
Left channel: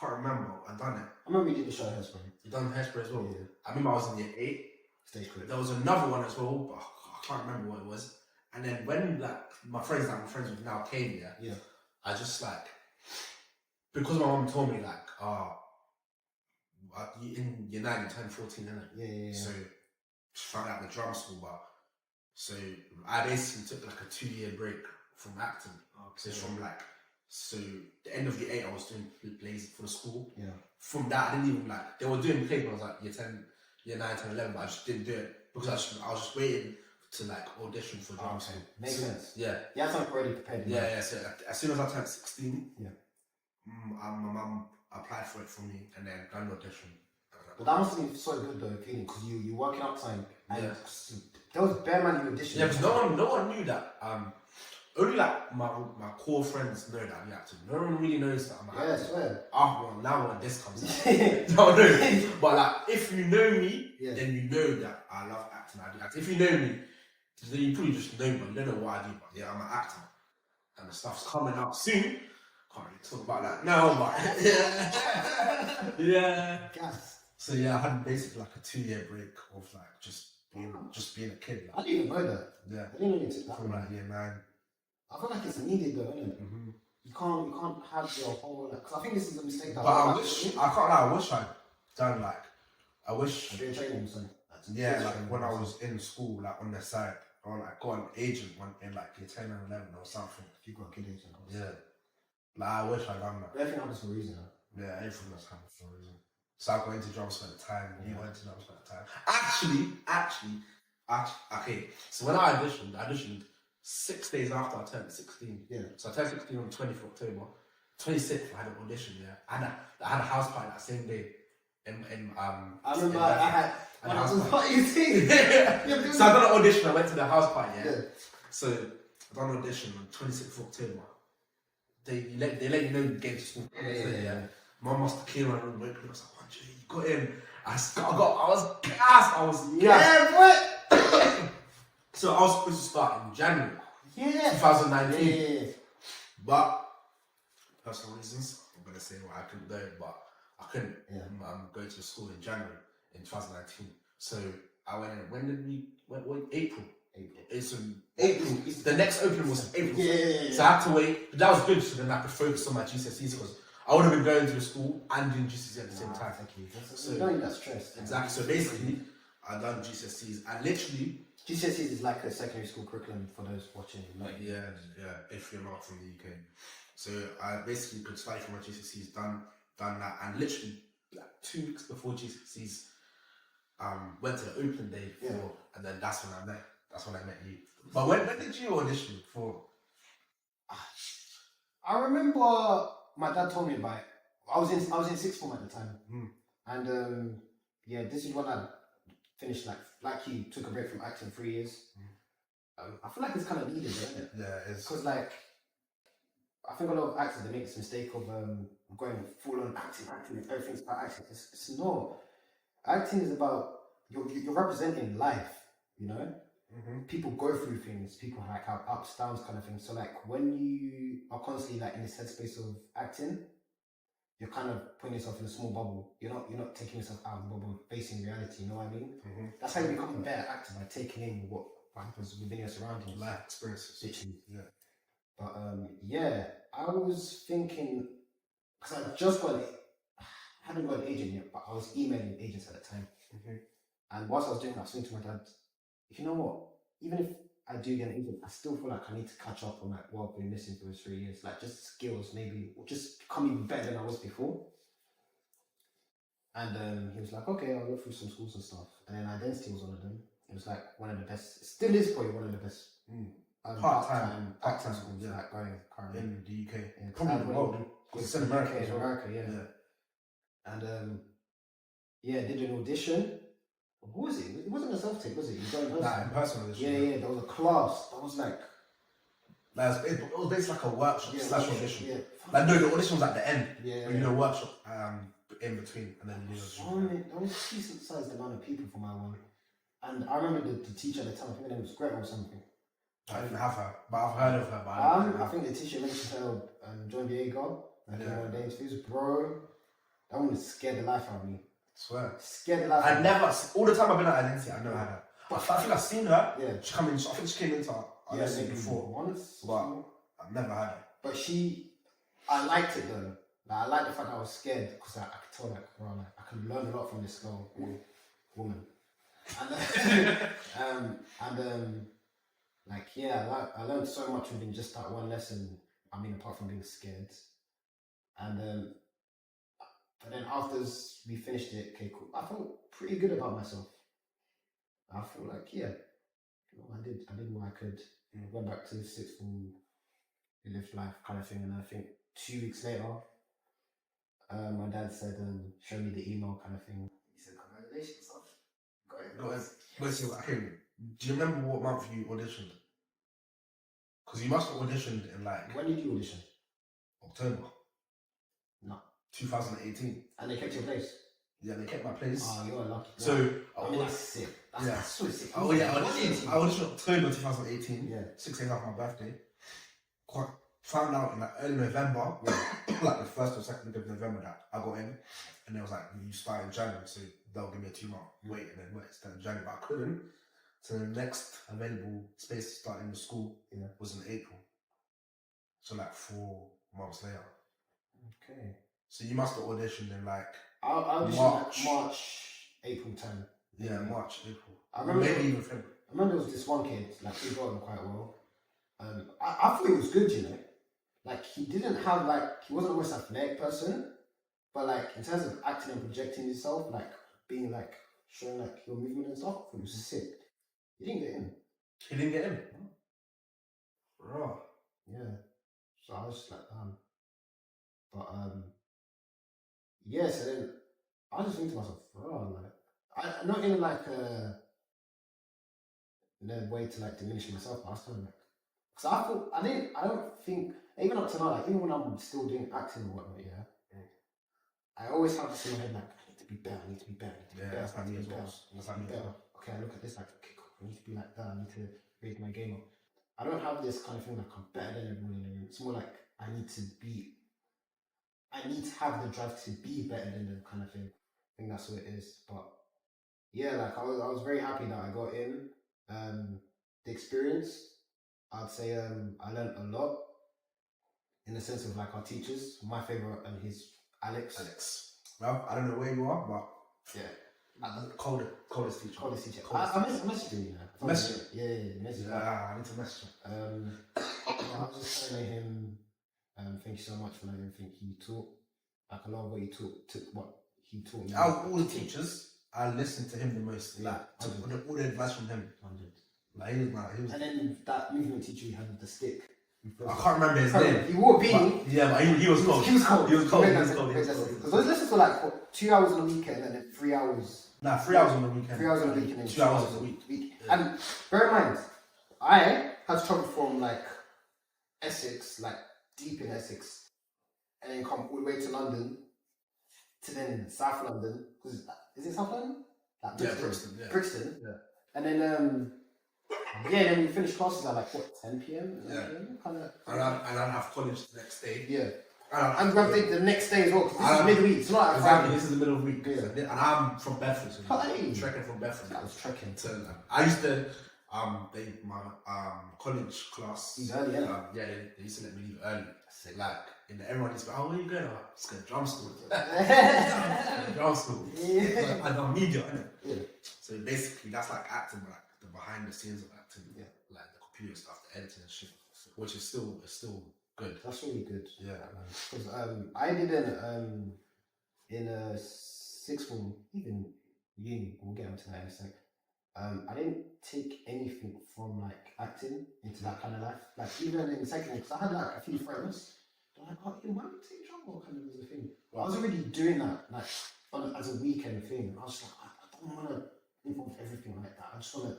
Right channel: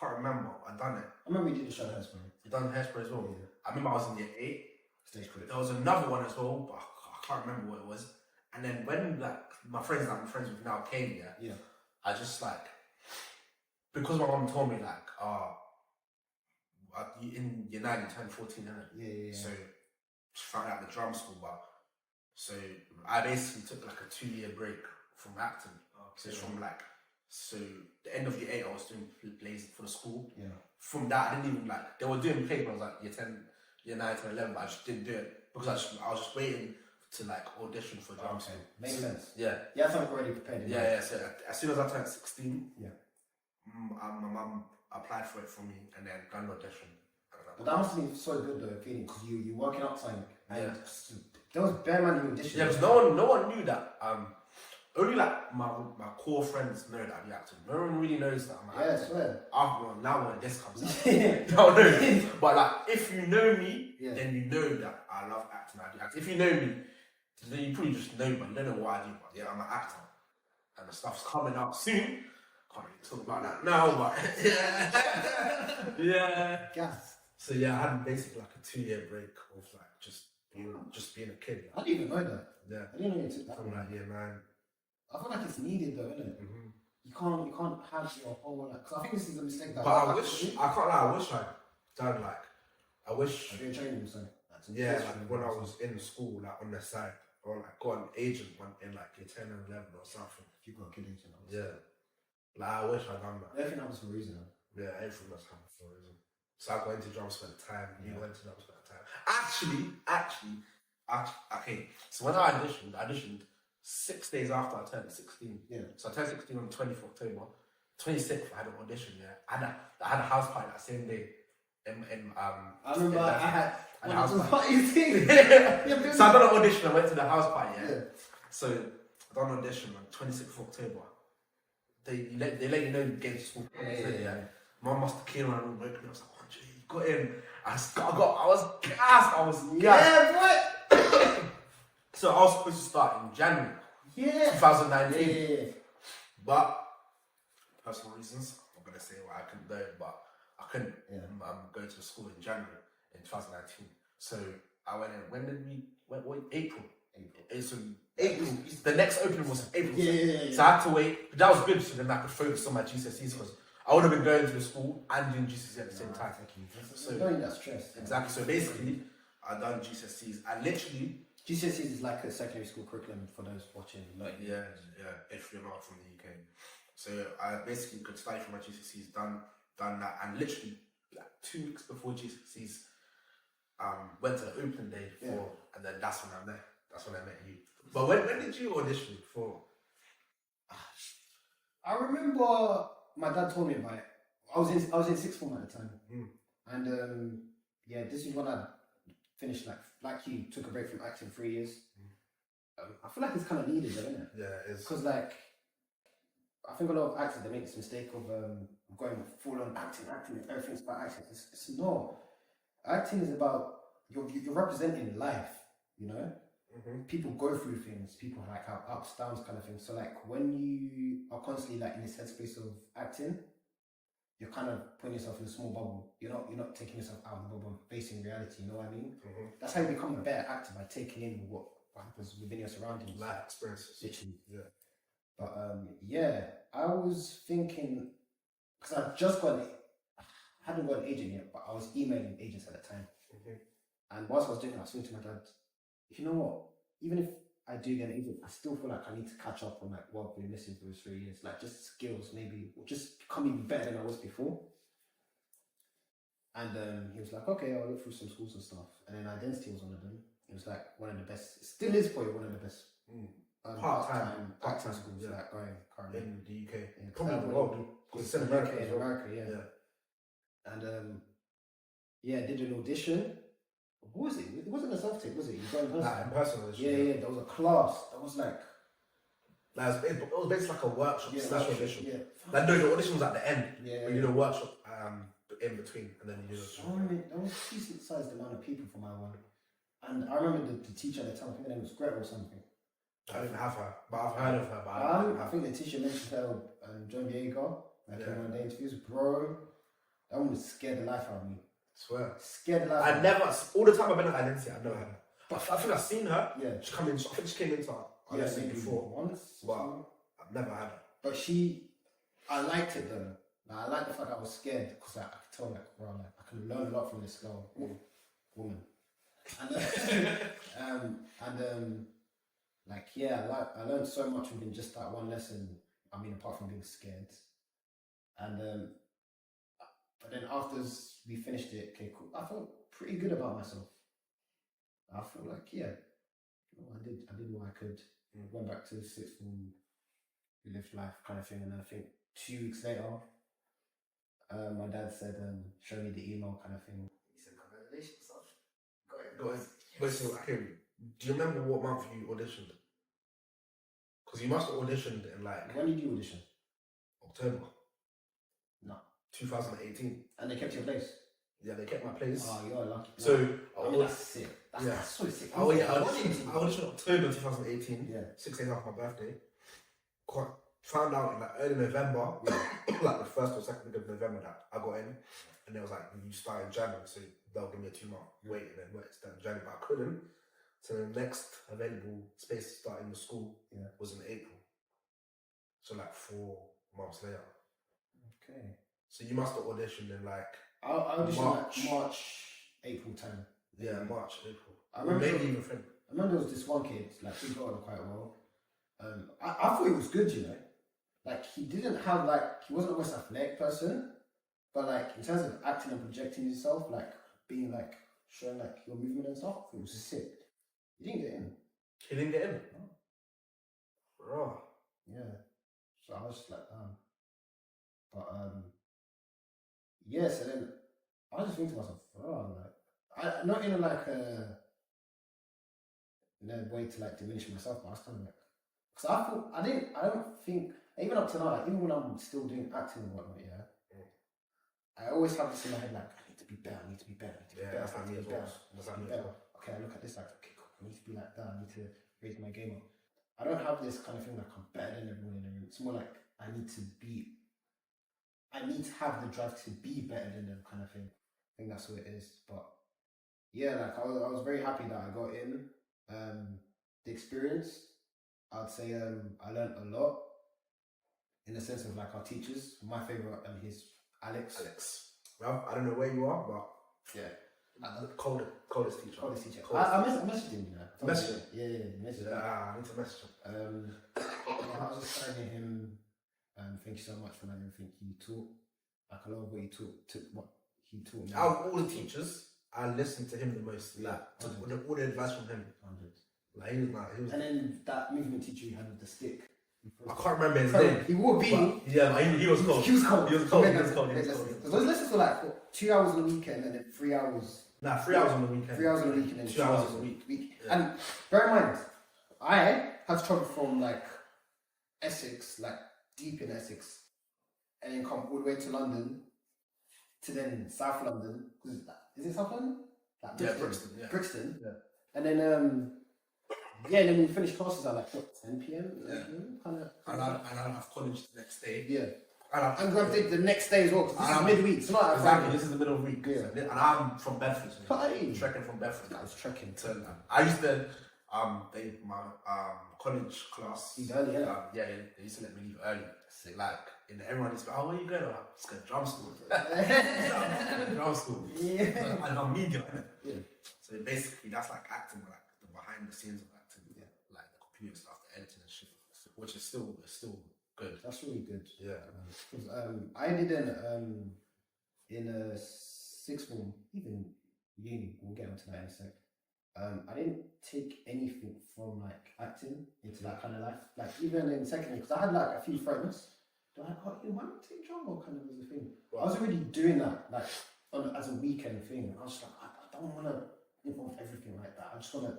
can't remember. I done it. I remember you did the show Hairspray. You done Hairspray as well? Yeah. I remember I was in year 8. Stage crew. There was another one as well, but I can't remember what it was. And then when like my friends that I'm friends with now came here, yeah, I just like, because my mum told me like, in year 9 you turned 14, innit? Yeah. So she found out the drum school, but so I basically took like a 2-year break from acting. Okay. So the end of year 8 I was doing plays for the school. Yeah. From that I didn't even like, they were doing plays when I was like year 10, year 9, 10, 11, but I just didn't do it because I was just waiting to like audition for drum school. Makes sense. Yeah. Yeah, I was already prepared. Yeah. So as soon as I turned 16, yeah, my mum applied for it for me and then done the audition. But that must have been so good though, feeling because you working outside and there was bare man in audition. Yeah, because no one knew that. Only like my core friends know that I'm acting. No one really knows that I'm acting. Yeah, I swear. Now when this comes out, no one knows. But like, if you know me, then you know that I love acting. I do acting. If you know me, then you probably just know me. But you don't know what I do. But yeah, I'm an actor, and the stuff's coming out soon. Can't really talk about that now, but yeah. Gas. So yeah, I had basically like a 2-year break of like just being a kid. Like. I didn't even know that. Yeah. I didn't know you took that. From like year 9. I feel like it's needed though, isn't it? Mm-hmm. You can't have your whole like. Because I think this is a mistake that. But I can't lie. I wish I'd done like. I wish. I'm doing training or something. Yeah, like when I was in school, like on the side, or like got an agent one in like year 10 and 11 or something. If you got a kid agent. Yeah. Like I wish I'd done that. Everything happens for a reason. Though. Yeah, everything does happen for a reason. So I got into drums for the time, and you went into drums for the time. Actually, okay. So when I auditioned 6 days after I turned 16. Yeah. So I turned 16 on the 20th of October. 26th, I had an audition there. I had a house party that same day. I remember I had when I was in party. So I done an audition. I went to the house party. Yeah. So I done an audition on 26th of October. They let you know you get to school. Yeah. Mum must have came around and I was like, got in. I was gassed. I was Yeah, what? So I was supposed to start in January Yeah. 2019. Yeah. But personal reasons, I'm gonna say why I couldn't go, but I couldn't go to school in January in 2019. So I went in. When did we? Went April. It's April. The next opening was April. Yeah. So I had to wait. But that was good. So then I could focus on my GCSEs because I would have been going to the school and doing GCSE at the same time. Thank you. So you don't need that stress. Exactly. So basically, I done GCSEs and literally. GCSEs is like a secondary school curriculum for those watching. Yeah. If you're not from the UK, so I basically could study for my GCSEs, done that, and literally like 2 weeks before GCSEs, went to the opening day for, and then that's when I met. That's when I met you. But when did you audition for? I remember my dad told me about it. I was in sixth form at the time, and this is when I finished like you took a break from acting 3 years. I feel like it's kind of needed, though, isn't it? Yeah, it's because like I think a lot of actors they make this mistake of going full on acting. Everything's about acting. It's not. Acting is about you're representing life. You know, people go through things. People like have ups, downs, kind of thing. So like when you are constantly like in this headspace of acting, you're kind of putting yourself in a small bubble. You're not taking yourself out of the bubble, facing reality. You know what I mean? That's how you become a better actor, by taking in what happens within your surroundings, life experiences. Literally. Yeah. But I was thinking because I hadn't got an agent yet, but I was emailing agents at the time. And whilst I was doing that, I was saying to my dad, you know what? Even if I do get an agent, I still feel like I need to catch up on like what I've been missing for those 3 years, like just skills, maybe, or just become even better than I was before. And he was like, okay, I'll look through some schools and stuff. And then Identity was one of them. It was like one of the best. It still is probably one of the best part-time schools like going currently in the UK. Yeah, Probably in the world. It's in America, And did an audition. What was it? It wasn't a self-tape, was it? You don't know. Nah, in person audition. Yeah. There was a class. That was like. It was basically like a workshop slash audition. Yeah. Like no, the audition was at the end. Yeah. You did a workshop in between, and then you did there was a decent sized amount of people for my one, and I remember the teacher at the time. I think her name was Greta or something. I didn't have her, but I've heard of her. I think the teacher mentioned her, John Diego, like in one of the interviews, bro. That woman scared the life out of me. Swear. Scared the life out of me. All the time I've been at Identity, I've never had her. But I think I've seen her. Yeah. She came in, I think she came into Identity before. Once. But I've never had her. But I liked it though. Like, I liked the fact that I was scared because I could tell like, bro, like, I can learn a lot from this girl, woman. And I learned so much within just that one lesson. I mean, apart from being scared. And but then after we finished it, okay, cool. I felt pretty good about myself. I felt like, I did what I could. Went back to the sixth form, lived life kind of thing. And I think 2 weeks later, my dad said, show me the email kind of thing. He said, congratulations, son. Go ahead. Wait, so, okay, do you remember what month you auditioned? Because you must have auditioned in like... When did you audition? October. No. 2018. And they kept your place? Yeah, they kept my place. Oh, you're lucky. So... I mean, that's sick. That's so sick. Oh, yeah, I auditioned October 2018. Yeah. 6 days after my birthday. Found out in like early November, like the 1st or 2nd week of November that I got in, and it was like, you start in January, so they'll give me a 2-month wait, and then wait, start in January, but I couldn't. So the next available space to start in the school was in April. So like 4 months later. Okay. So you must have auditioned in like I auditioned like March, April time. Yeah, March, April. I remember maybe even February. I remember there was this one kid, like he got him quite well. I thought he was good, you know. Like he didn't have he wasn't the most athletic person, but like in terms of acting and projecting yourself, like being like showing like your movement and stuff, it was sick. He didn't get in. He didn't get in? No. Raw. Yeah. So I was just like, But so then I was just thinking to myself, like not in like a way to like diminish myself, but I was kind of like, because I don't think, even up to now, like even when I'm still doing acting and whatnot, I always have this in my head, like, I need to to be better. I need to be better. I need to be Yeah, better. that's I need to me as be well. better. I need That's to be me as better. Okay, I look at this like, okay, cool. I need to be like that. I need to raise my game up. I don't have this kind of thing like I'm better than everyone in the room. It's more like I need to have the drive to be better than them kind of thing. I think that's what it is. But yeah, like I was very happy that I got in. The experience, I'd say I learned a lot in the sense of like our teachers. My favorite he's Alex. Well, I don't know where you are, but yeah, coldest teacher. I messaged him, you know. Message? Yeah, message him. I need to message him. I was just telling him, thank you so much for everything he taught. Like a lot of what he taught me. Out of all the teachers, I listened to him the most. Yeah, Like, took all the advice from him. 100. Like, he was. And then that movement teacher he had with the stick. I can't remember his name. He wore a beanie. Yeah, but he was cold. He was cold. He was cold. Because those lessons were like what, 2 hours on the weekend and then 3 hours. Nah, 3 hours on the weekend. 3 hours on the weekend and 2 hours a week. Yeah. And bear in mind, I had to travel from like Essex, like deep in Essex, and then come all the way to London, to then South London. Is it South London? Like Brixton. Yeah, Brixton. Yeah. And then and then we finished classes at like what 10 p.m. Yeah. Kind of. And I'd have college the next day. Yeah. And I'm going to the next day as well, because this is midweek. It's not like exactly, this is the middle of the week. Yeah. And I'm from Bedford. So Hey. trekking from Bedford. I was trekking. So I used to, my college class. He's early, yeah. They used to let me leave early. Like, everyone used to be, oh, where are you going? I'm just going to drum school. Drum school. Yeah. And I'm media, innit? Yeah. So basically, that's like acting, but like the behind the scenes of acting. Yeah. Like the computer stuff, the editing and shit, which is still good. That's really good. Yeah. Because I didn't in a sixth form, even uni. We'll get onto that in a sec. I didn't take anything from like acting into that kind of life. Like even in second year, because I had like a few friends. They're like, oh, you might take drama kind of as a thing. But I was already doing that like as a weekend thing. I was like, I don't want to involve everything like that. I just want to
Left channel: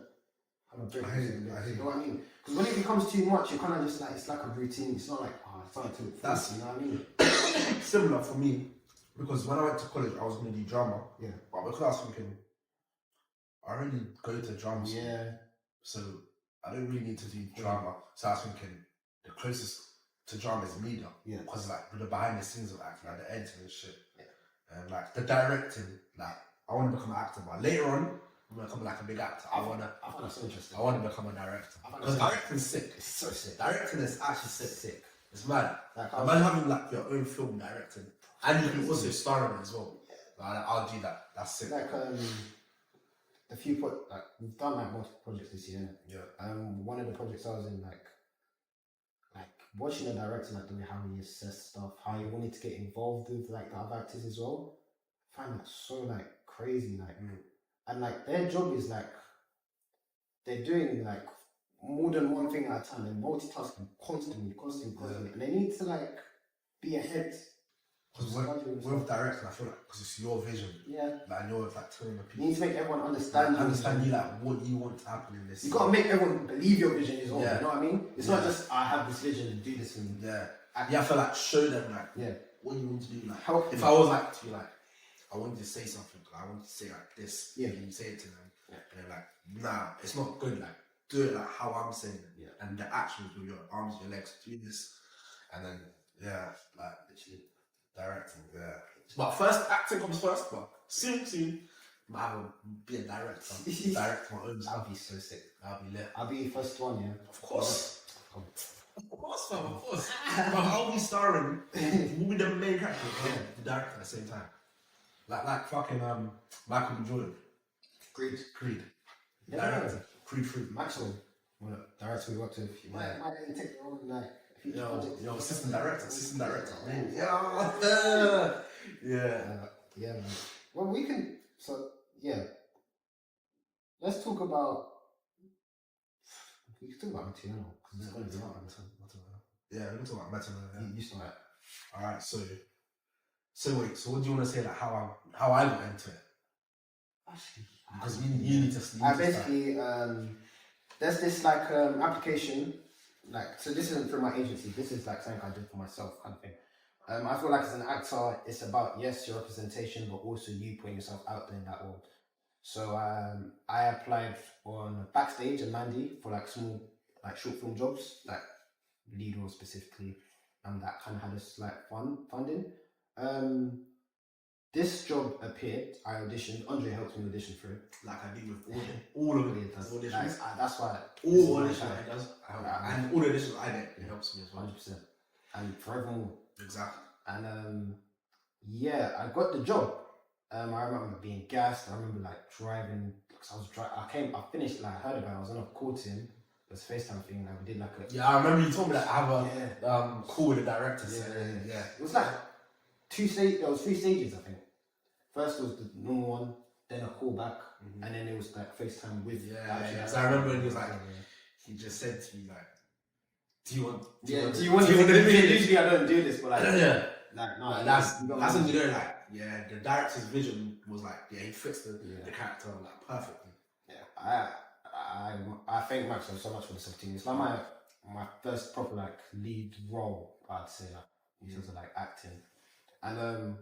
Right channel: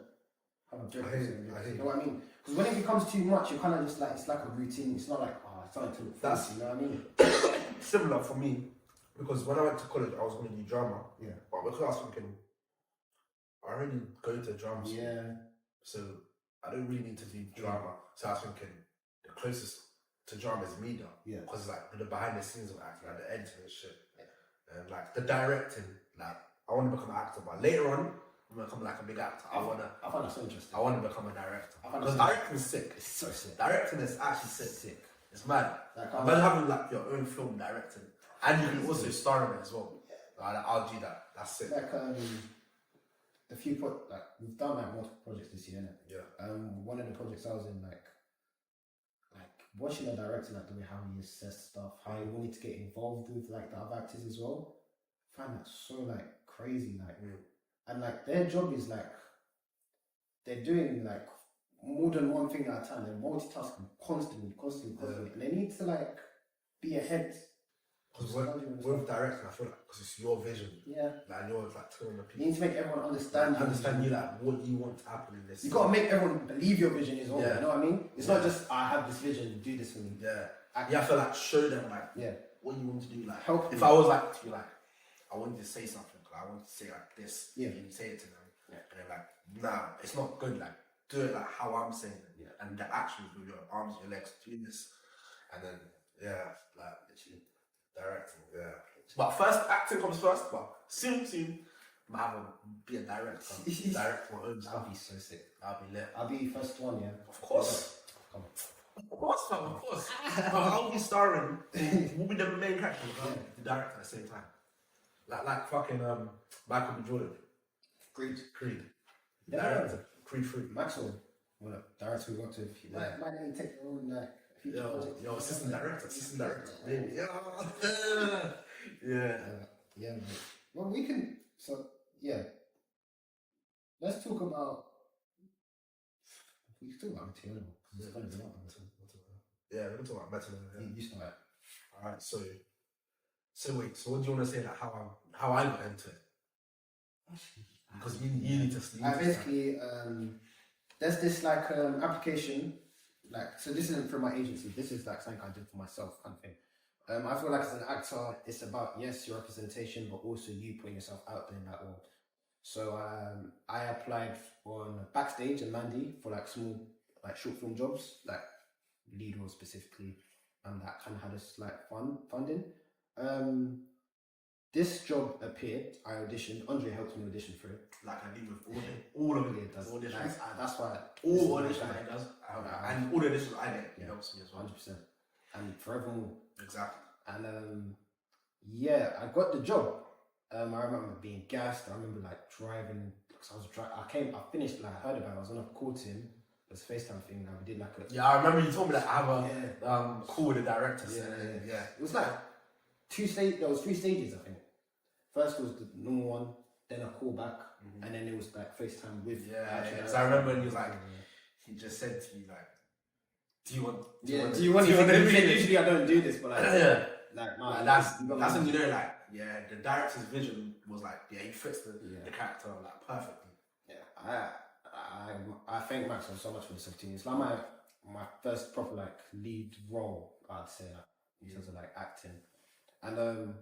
have a break. You know what I mean? Because when it becomes too much, you're kind of just like, it's like a routine. It's not like, oh, it's something to look forward to, you know what I mean? Similar for me, because when I went to college, I was going to do drama. Yeah. But because I was thinking, I already go to drama school. Yeah. So I don't really need to do drama. So I was thinking, the closest to drama is media. Yeah. Because like the behind the scenes of acting, like the editing and shit. Yeah. And like the directing, like I want to become an actor, but later on, I'm gonna become like a big actor. I find that so interesting. I want to become a director. Because directing's sick. It's so sick. Directing is actually sick. It's mad. Like, imagine having like your own film directing, and you can also star in it as well. Yeah. I'll do that. That's sick. Like we've done like multiple projects this year, innit? Yeah. One of the projects I was in, like watching the director, like the way how he assess stuff, how he wanted to get involved with like the other actors as well. I find that so like crazy, like. And like their job is like they're doing like more than one thing at a time. They're multitasking constantly, and they need to like be ahead. Because with directing, I feel like because it's your vision. Yeah. Like you're like telling the people. You need to make everyone understand. You like what you want to happen in this. You gotta make everyone believe your vision is all. Yeah. You know what I mean? It's not just I have this vision, do this thing. Yeah. You have to like show them like what you want to do. Like help. If I was like to you like, I wanted to say something. I want to say like this. Yeah. And you say it to them. Yeah. And they're like, nah, it's not good. Like, do it like how I'm saying it. Yeah. And the actions with your arms, your legs, do this. And then, like literally directing. Yeah. But first, acting comes first. But soon, I will be a director. Direct my own stuff. I'll be so sick. I'll be lit. I'll be first one, yeah. Of course. Of course. I'll be starring. We'll be the main character. The director at the same time. Like fucking Michael B. Jordan. Creed. Director. Creed 3. Maxwell. Well, director we worked with. Might let you take your own like future projects. Yo, assistant director. Yeah. Well, we can. So yeah. Let's talk about. We can talk about material because it's going to be out. Yeah, we can talk about material. You start. All right, So wait, so what do you want to say, like how I got into it? Actually, because you need to basically there's this like application, like, so this isn't from my agency, this is like something I did for myself kind of thing. I feel like as an actor, it's about, yes, your representation, but also you putting yourself out there in that world. So I applied on Backstage and Mandy for like small, like short film jobs, like lead role specifically, that kind of had us like funding. This job appeared. I auditioned. Andre helped me audition for it. Like I did with all of it. Does. Auditions. Like, that's why All auditions I does. And all the auditions I get, it helps me as well. 100%. And forevermore. Exactly. And yeah, I got the job. I remember being gassed. I remember like driving. Cause I was I finished, like, I heard about it. I was on a call to him. It was a FaceTime thing. Like, we did like a. Yeah, I remember you told me that I have a call with the director. Yeah. It was like 2 stages. There was 3 stages, I think. First was the normal one, then a call back, and then it was like FaceTime with. Yeah. So I remember when he was like, he just said to me like, "Do you want?" Usually I don't do this, but like, like no, that's when you know, like, yeah, the director's vision was like, yeah, he fits the character like perfectly. Yeah, I thank Maxwell so much for this opportunity. It's like my first proper like lead role, I'd say, like in terms of like acting, and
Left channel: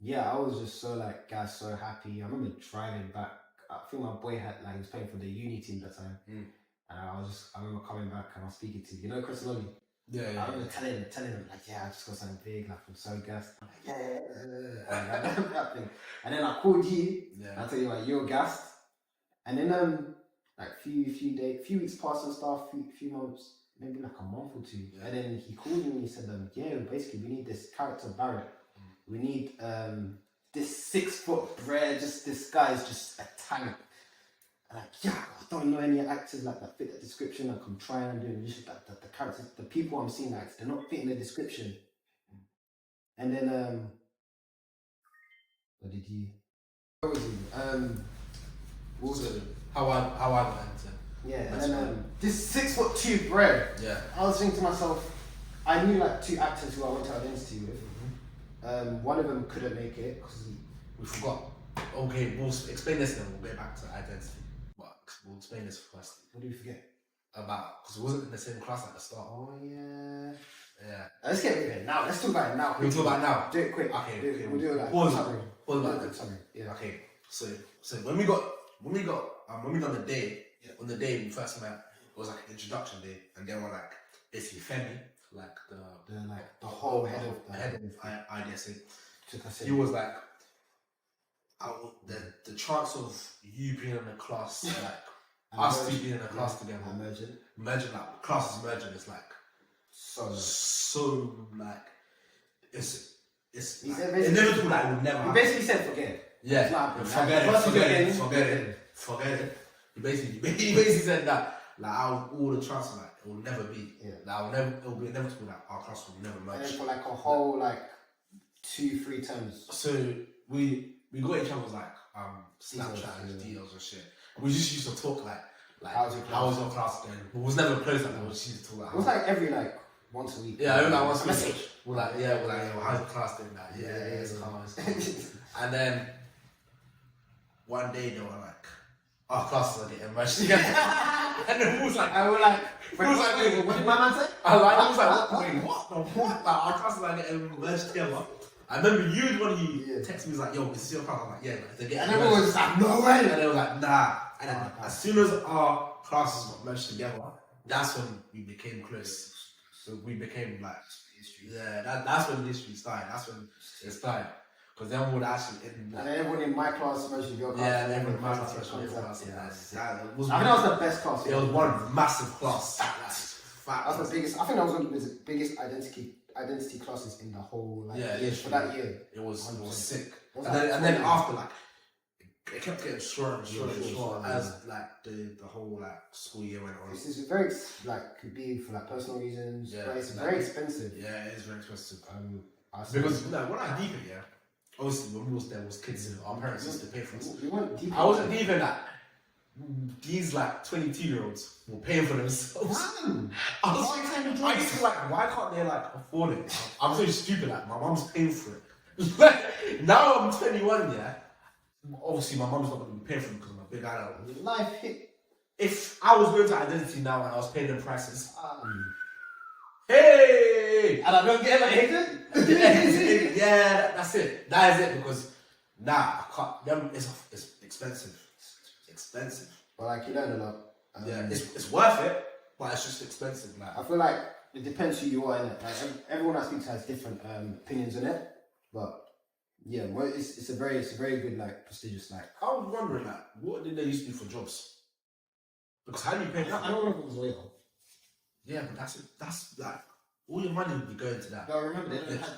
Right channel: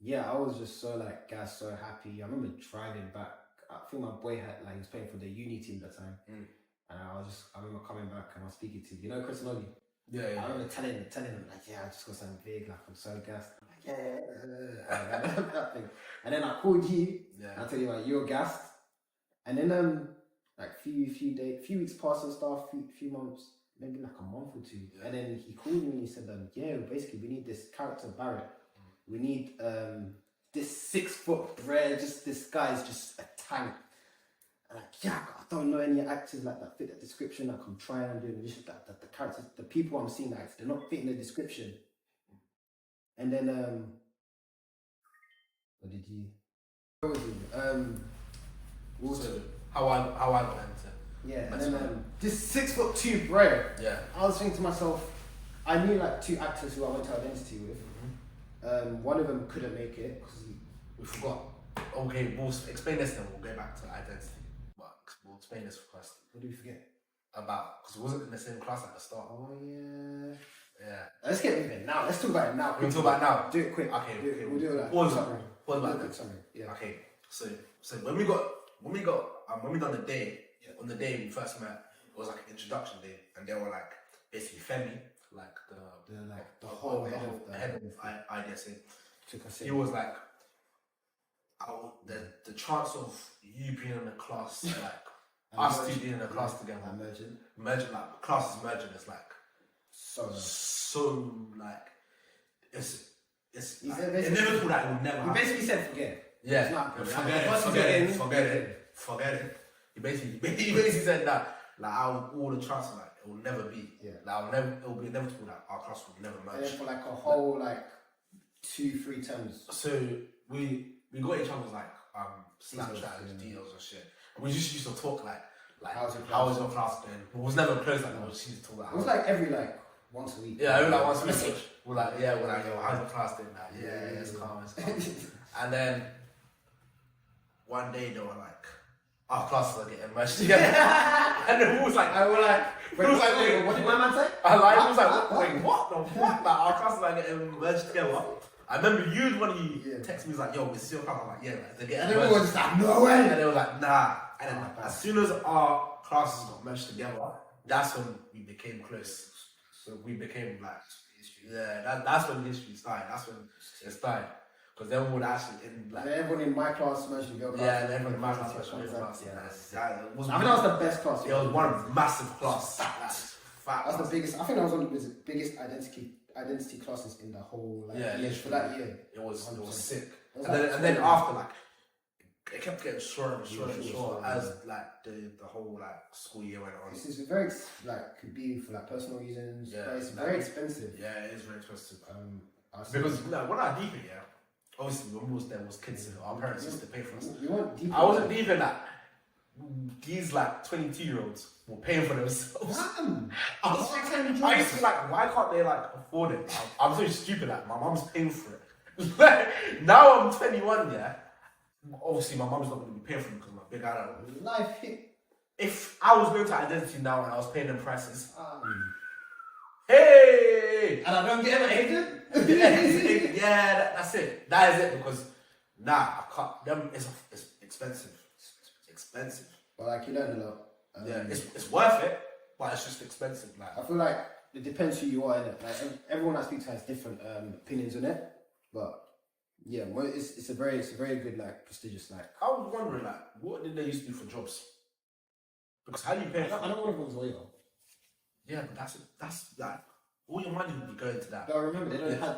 yeah, I was just so like, guys, so happy. I remember driving back. I think my boy had like, he was playing for the uni team at the time, and I remember coming back and I was speaking to, you know, Chris Nolly. Yeah. I remember telling him like, yeah, I just got something big, like I'm so gassed. I'm like, yeah. That thing. And then I called you. Yeah. And I tell you like, you're gassed. And then like few weeks passed and stuff, few months, maybe like a month or 2. Yeah. And then he called me and he said, yeah, basically we need this character Barrett. We need this 6-foot bred, just this guy is just a tank. And like, yeah, I don't know any actors like that fit that description. Like I'm trying and doing just that the characters, the people I'm seeing, like they're not fitting the description. And then what did he? What was he? Also, how I went into. Yeah, and then this 6'2" bred. Yeah. I was thinking to myself, I knew like 2 actors who I went to Identity with. One of them couldn't make it because we forgot. Okay, we'll explain this then. We'll go back to Identity. But we'll explain this first. What did we forget? About, because it wasn't in the same class at the start. Oh yeah. Yeah. Let's get moving now. Let's talk about it now. We'll talk about it now. Do it quick. Okay. We'll do it like summary. Summary. Yeah. Okay. So when we done the day, on the day we first met, it was like an introduction day, and they were like basically Femi, like the whole head of IDSA. He was like, the chance of you being in a class, like us two being in a class together, merging, like classes merging, is like so like it's like, inevitable that it will never happen. He basically said forget it. Yeah, forget it. He basically said that like all the chances like it will never be. Yeah. Like it will be inevitable that our class will never merge. And then for like a whole like 2-3 terms. So we got each other's like Snapchat and deals and shit. We just used to talk like how was your class then? We was never close like that. We just used to talk like. It was like every like once a week. Yeah, every like once a week. We're like how's your class doing that? Yeah, it's calm. And then one day they were like, our classes are getting merged together. And then we was like, wait, what did my man say? He was like, wait, what? Like, our classes are getting merged together. I remember you when you texted me, was like, yo, this is your class. I'm like, yeah, like, they're getting merged. And everyone was like, no way. And they were like, nah. And then as soon as our classes got merged together, that's when we became close. So we became like, that's when the history started. That's when it started. Because then we would actually and everyone in my class merged with your class. Yeah, and everyone in my class merged with your class. I think that was the best class. It was one massive class. That's the biggest. I think that was one of the biggest identity classes in the whole year. For that year, it was sick. And then after like it kept getting shorter and shorter as like the whole like school year went on. This is very like could be for like personal reasons. Yeah, but it's very expensive. Yeah, it is very expensive. Because like, when I deep it, obviously when we was there was kids, our parents used to pay for us. We weren't deep. I wasn't deep in that. These like 22-year-olds were paying for themselves. I used to like, why can't they like afford it? I'm so stupid. Like my mom's paying for it. Now I'm 21. Yeah. Obviously, my mom's not going to be paying for it because I'm a big adult. Life hit. If I was going to Identity now and I was paying them prices, Hey! And I don't get him at Hayden. Yeah, that's it. That is it because I can't. Them it's expensive. It's expensive. But like you learn a lot. Yeah, it's worth it, but it's just expensive. Like I feel like it depends who you are in it. Like everyone I speak to has different opinions on it, but yeah, well, it's a very good like prestigious like. I was wondering like, what did they used to do for jobs? Because how do you pay? I don't know if it was waiter. Yeah, but that's like all your money would be going to that. No, I remember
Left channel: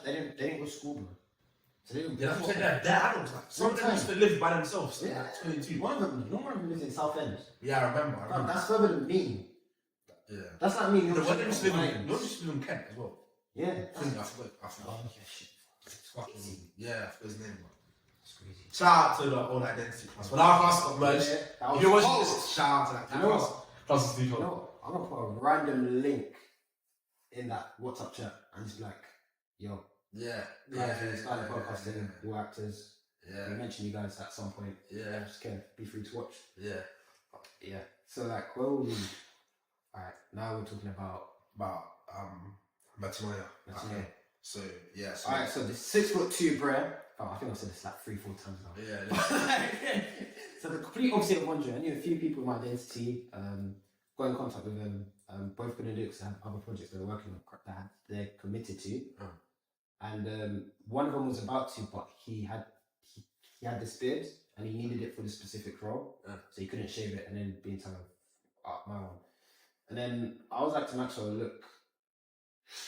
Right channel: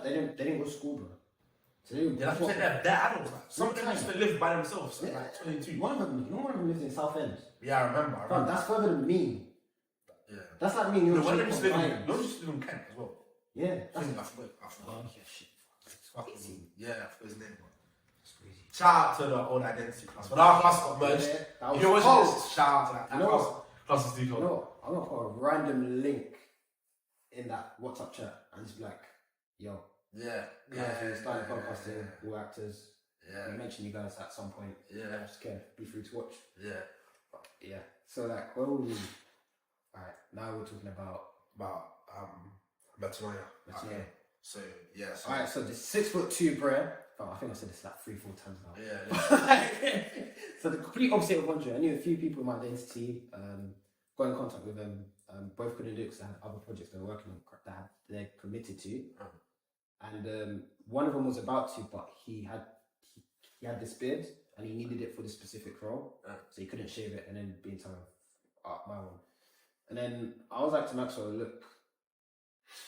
they didn't go to school, bro. So they Yeah, that's what their adults like. Some of them used to live by themselves. Yeah, like 22. One of them lives in Southend. Yeah, I remember. But that's further than me. Yeah. That's like me and you. One of them used to live in Kent as well. Yeah. I forgot. Oh, yeah, shit. Yeah, I forgot his name. That's crazy. Shout out to the own identity class. When our class got merged, if you watch this, shout out to that class. Class is deep. You know, I'm gonna put a random link in that WhatsApp chat and just be like, yo. Starting podcasting, all actors. Yeah. We mentioned you guys at some point. Yeah. Just be free to watch. Yeah. But, yeah. So like, whoa. Alright, now we're talking about Matanoia. So yeah. Alright, so the 6'2" Brer. Oh, I think I said this like 3-4 times now. Yeah. So the complete opposite of Andre. I knew a few people in my identity. Got in contact with them. Both couldn't do it because they had other projects they were working on that they're committed to. And one of them was about to, but he had this beard and he needed it for the specific role, so he couldn't shave it and then be in time of my one. And then I was like to Maxwell, look,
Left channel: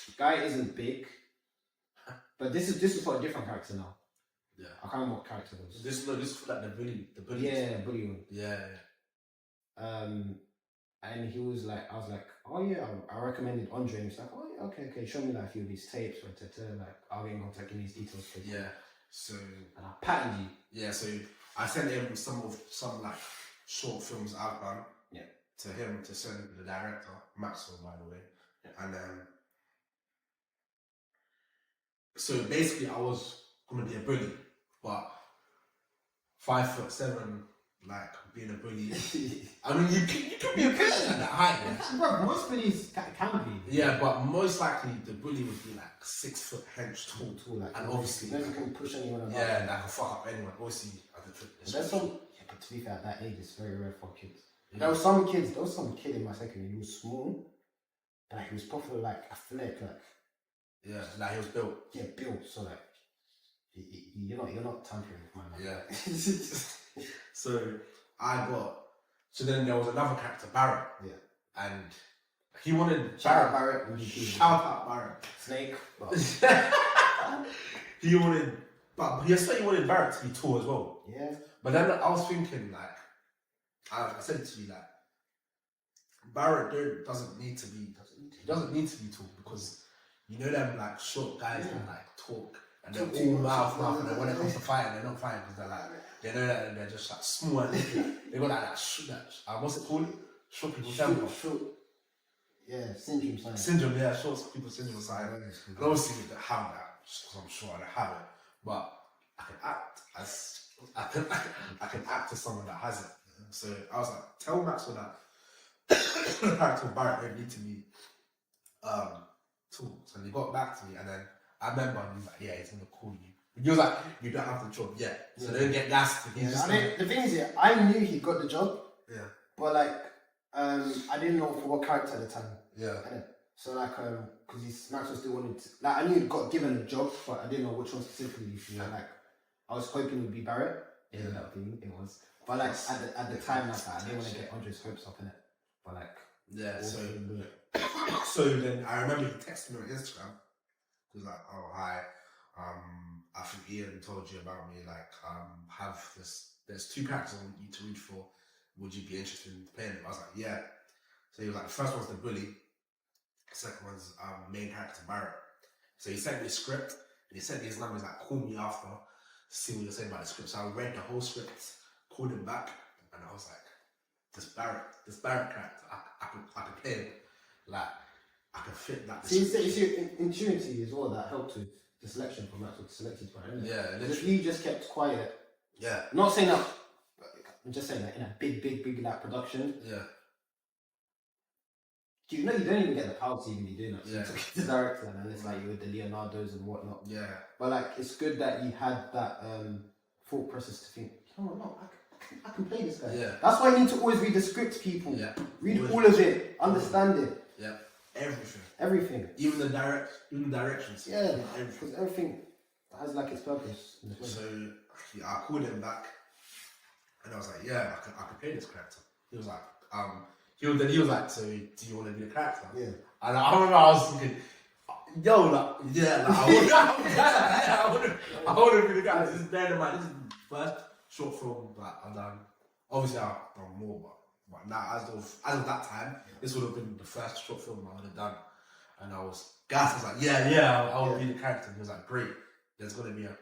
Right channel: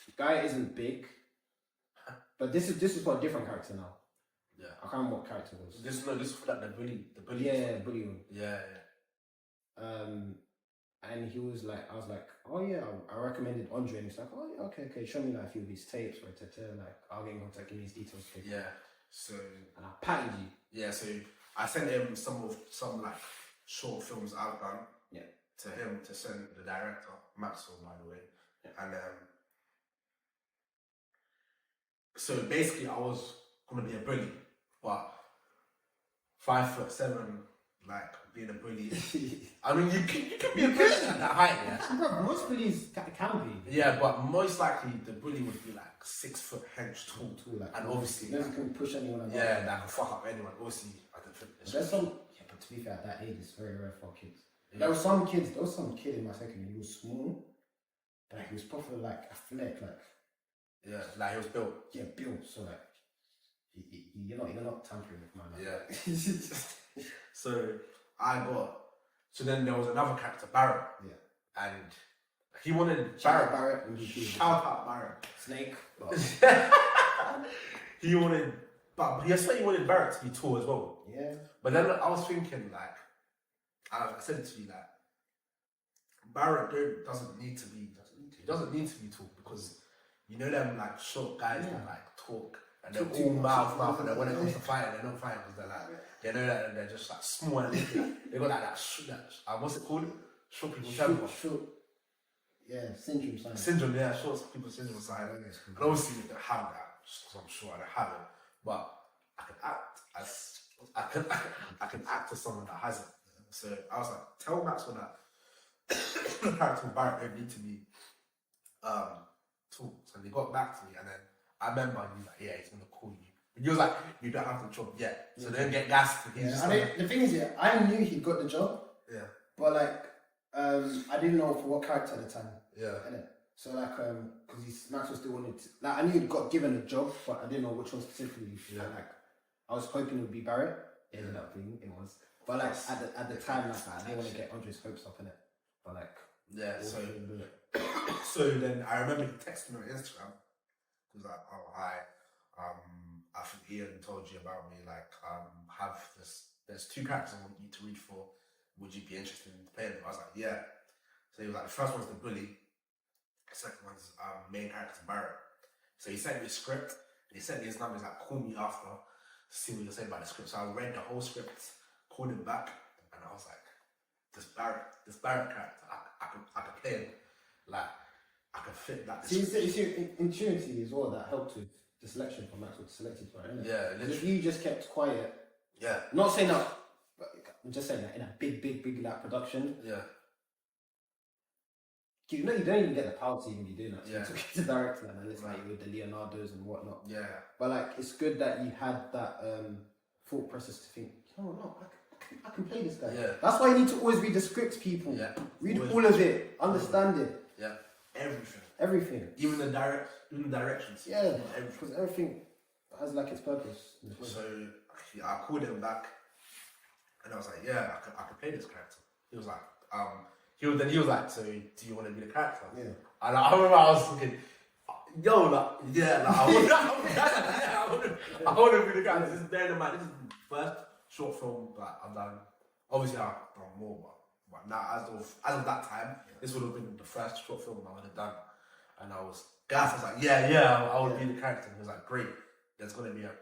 the guy isn't big, but this is for a different character now. Yeah, I can't remember what character it was. This is for like the bully. Yeah, bully one. Yeah. And he was like, I was like, oh yeah, I recommended Andre. And he's like, oh yeah, okay, show me like a few of his tapes, like I'll get in contact, give me his details. Yeah. So. And I patented you. Yeah. So I sent him some like short films I've done. Yeah. To him to send to the director Maxwell, by the way. Yeah. And so basically I was gonna be a bully, but 5'7", like being a bully. I mean, you can be a bully at that height, yeah. Bro, most bullies can be. Yeah, but most likely the bully would be like 6 foot hench tall, like, and obviously never can push anyone around. Yeah, that can fuck up anyone. Obviously, I can trick this. There's some. Yeah, but to be fair, at that age, it's very rare for kids. Yeah. There was some kid in my second year. He was small, but he was properly like athletic, like. Yeah, like he was built. Yeah, built. So like, you're not tampering with my man. Yeah. So then there was another character, Barrett. Yeah. And he wanted Shout out Barrett. Shout out Barrett. Snake. He wanted Barrett to be tall as well. Yeah. But then I was thinking like, I said to you like, Barrett doesn't need to be tall because you know them like short guys that like talk and they're all mouth and then when it comes to fighting they're not fighting because they're like they know that they're just like small and they got that what's it called? Short people temper. Yeah, syndrome sign. Syndrome, yeah, short people syndrome sign. And obviously they have that, so I'm sure I don't have it. But I can act as someone that has it. So I was like, tell Maxwell that the character of Barrett don't need to be tall. So they got back to me and then I remember he was like, yeah, he's gonna call you. He was like, you don't have the job yet. So they don't get gassed. The thing is, yeah, I knew he got the job. Yeah. But like, I didn't know for what character at the time. Yeah. So like, because Maxwell still wanted to, like, I knew he got given a job, but I didn't know which one specifically. Yeah. Like, I was hoping it would be Barrett. It ended up being, it was. But like, at the time, like, I didn't want to get Andre's hopes up in it. But like, yeah. So then I remember he texted me on Instagram. He was like, oh hi, I think Ian told you about me. Like, have this. There's 2 characters I want you to read for. Would you be interested in playing them? I was like, yeah. So he was like, the first one's the bully. The second one's main character Barrett. So he sent me a script. And he sent me his numbers like, call me after to see what you're saying about the script. So I read the whole script, called him back, and I was like, this Barrett character, I can play him. Like, I can fit that. See, intuitivity is all that helped with the selection for Maxwell selected for, isn't it? Yeah. If you just kept quiet. Yeah. Not saying that. I'm just saying that in a big like production. Yeah. You know, you don't even get the power to even be doing that. Yeah. So it's director, and it's like with the Leonardos and whatnot. Yeah. But like, it's good that you had that thought process to think, you know what, no, I can play this guy. Yeah. That's why you need to always read the script, people. Yeah. Read all of it, understand it. Yeah. Everything. Everything. Even the directions. Yeah. Because everything has like its purpose. So yeah, I called him back, and I was like, yeah, I can play this character. He was like, he was like, so do you want to be the character? Yeah. And I remember I was thinking, yo, like, yeah, like, I want to be the character. This is the first short film that I've done. Obviously, I've done more, but now as of that time, this would have been the first short film I would have done. And I was gassed. I was like, yeah, I would be the character. And he was like, great. There's going to be a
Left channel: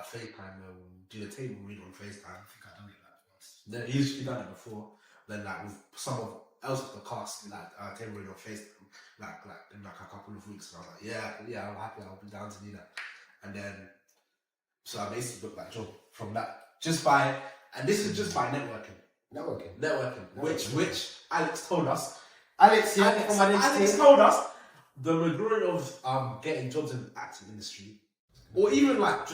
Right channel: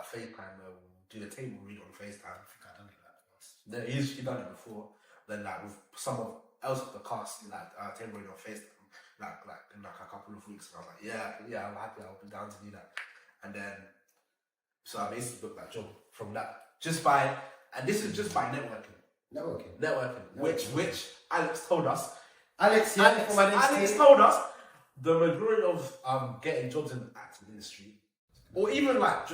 FaceTime where we'll do the table read on FaceTime. I think I've done it that first. Then he's done it before. Then like with some else of the cast, like table read on FaceTime, like in like a couple of weeks. And I was like, yeah, I'm happy. I'll be down to do that. And then so I basically booked that job from that and this is just by networking. Which Alex told us. Alex told us the majority of getting jobs in the acting industry, or even like